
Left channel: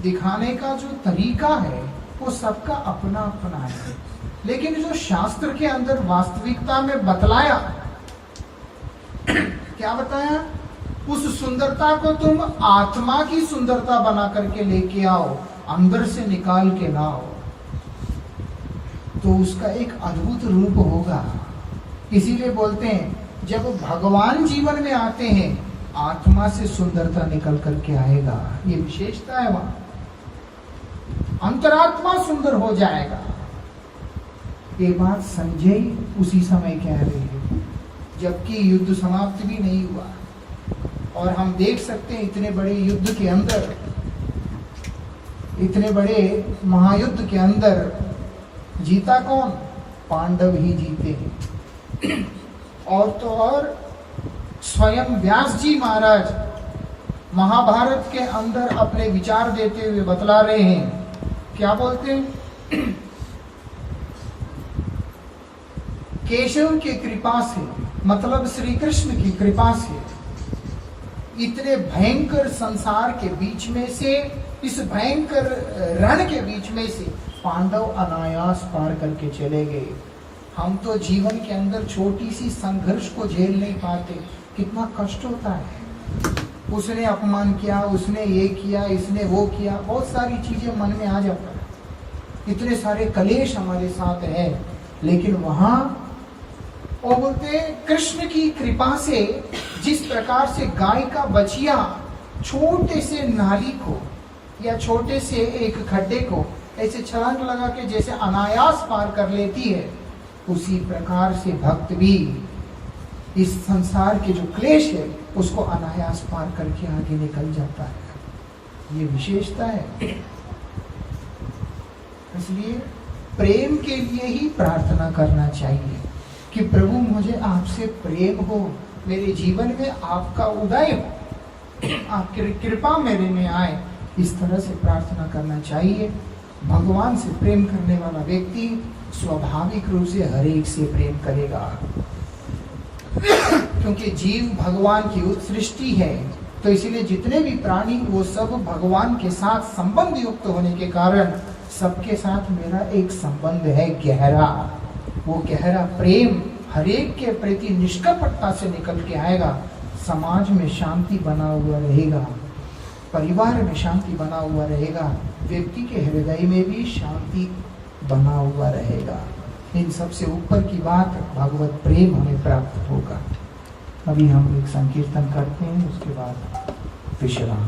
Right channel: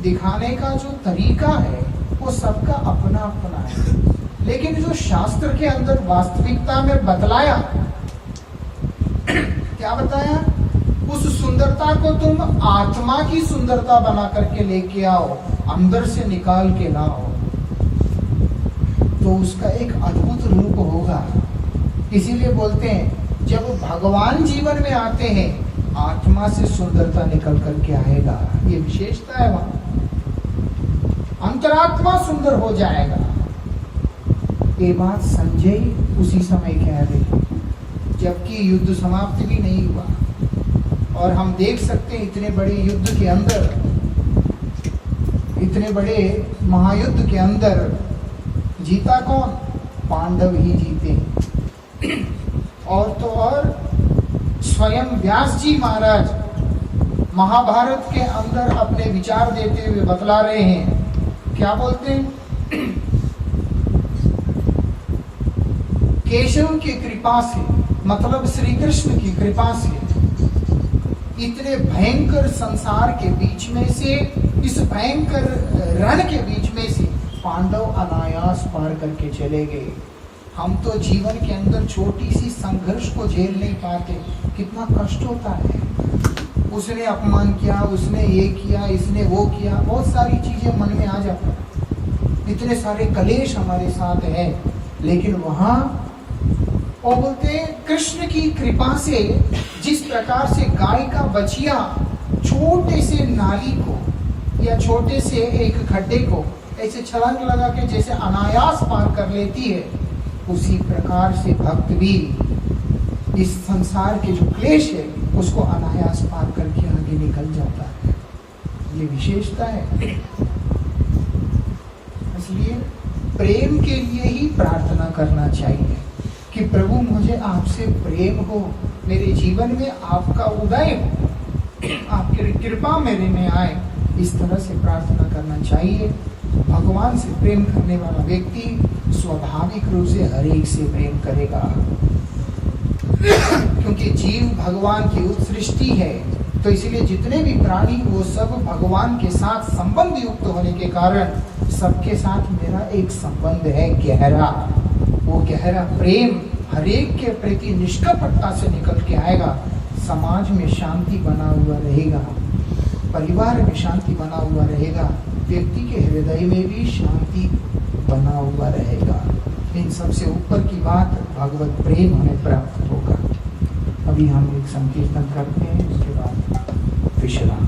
दिखाने का जो तरीका है वो सबका अपना अपना है। लेकिन जो शास्त्र के अंदर वास्तविकता में बतलाया, क्या बताया? उस सुंदरता को तुम आत्मा की सुंदरता बना करके लेके आओ, अंदर से निकाल के लाओ, तो उसका एक अद्भुत रूप होगा। इसीलिए बोलते हैं जब भगवान जीवन में आते हैं, आत्मा से सुंदरता निकल करके आएगा। ये विशेषता है वहां, अंतरात्मा सुंदर हो जाएगा। ये बात संजय उसी समय कह रहे थे, जबकि युद्ध समाप्त भी नहीं हुआ। और हम देख सकते हैं इतने बड़े युद्ध के अंदर, इतने बड़े महायुद्ध के अंदर जीता कौन? पांडव ही जीते हैं। और तो और स्वयं व्यास जी महाराज महाभारत के अंदर अपने विचार देते हुए बतला रहे हैं। क्या बोलते हैं? केशव की कृपा से, मतलब श्री कृष्ण की कृपा से, इतने भयंकर संसार के बीच में से, इस भयंकर रण के बीच में से पांडव अनायास पार करके चले गए। हम तो जीवन के अंदर छोटी सी संघर्ष को झेल नहीं पाते, कितना कष्ट होता है। उसने अपमान किया, उसने ये किया, इसने वो किया, बहुत सारी चीजें मन में आ जाता है, इतने सारे कलेश हमारे साथ है। लेकिन वहां वो बोलते हैं कृष्ण की कृपा से, जिस प्रकार से गाय का बछिया छोटे से नाली को या छोटे से एक खड्डे को ऐसे छलांग लगा के जैसे अनायास पार कर लेती है, उसी प्रकार से भक्त भी इस संसार के जो क्लेश है उसको अनायास पार करके आगे निकल जाता है। ये विशेषता है। इसलिए प्रेम के लिए ही प्रार्थना करना चाहिए कि प्रभु मुझे आपसे प्रेम हो, मेरे जीवन में आपका उदय हो। आपकी कृपा मेरे में आए, इस तरह से प्रार्थना करना चाहिए। भगवान से प्रेम करने वाला व्यक्ति स्वाभाविक रूप से हर एक से प्रेम करेगा, क्योंकि जीव भगवान की सृष्टि है। तो इसीलिए जितने भी प्राणी वो सब भगवान के साथ संबंध युक्त होने के कारण सबके साथ मेरा एक संबंध है गहरा। वो गहरा प्रेम हरेक के प्रति निष्कपटता से निकल के आएगा। समाज में शांति बना हुआ रहेगा, परिवार में शांति बना हुआ रहेगा, व्यक्ति के हृदय में भी शांति बना हुआ रहेगा। इन सबसे ऊपर की बात भगवत प्रेम हमें प्राप्त होगा। अभी हम एक संकीर्तन करते हैं, उसके बाद विश्राम।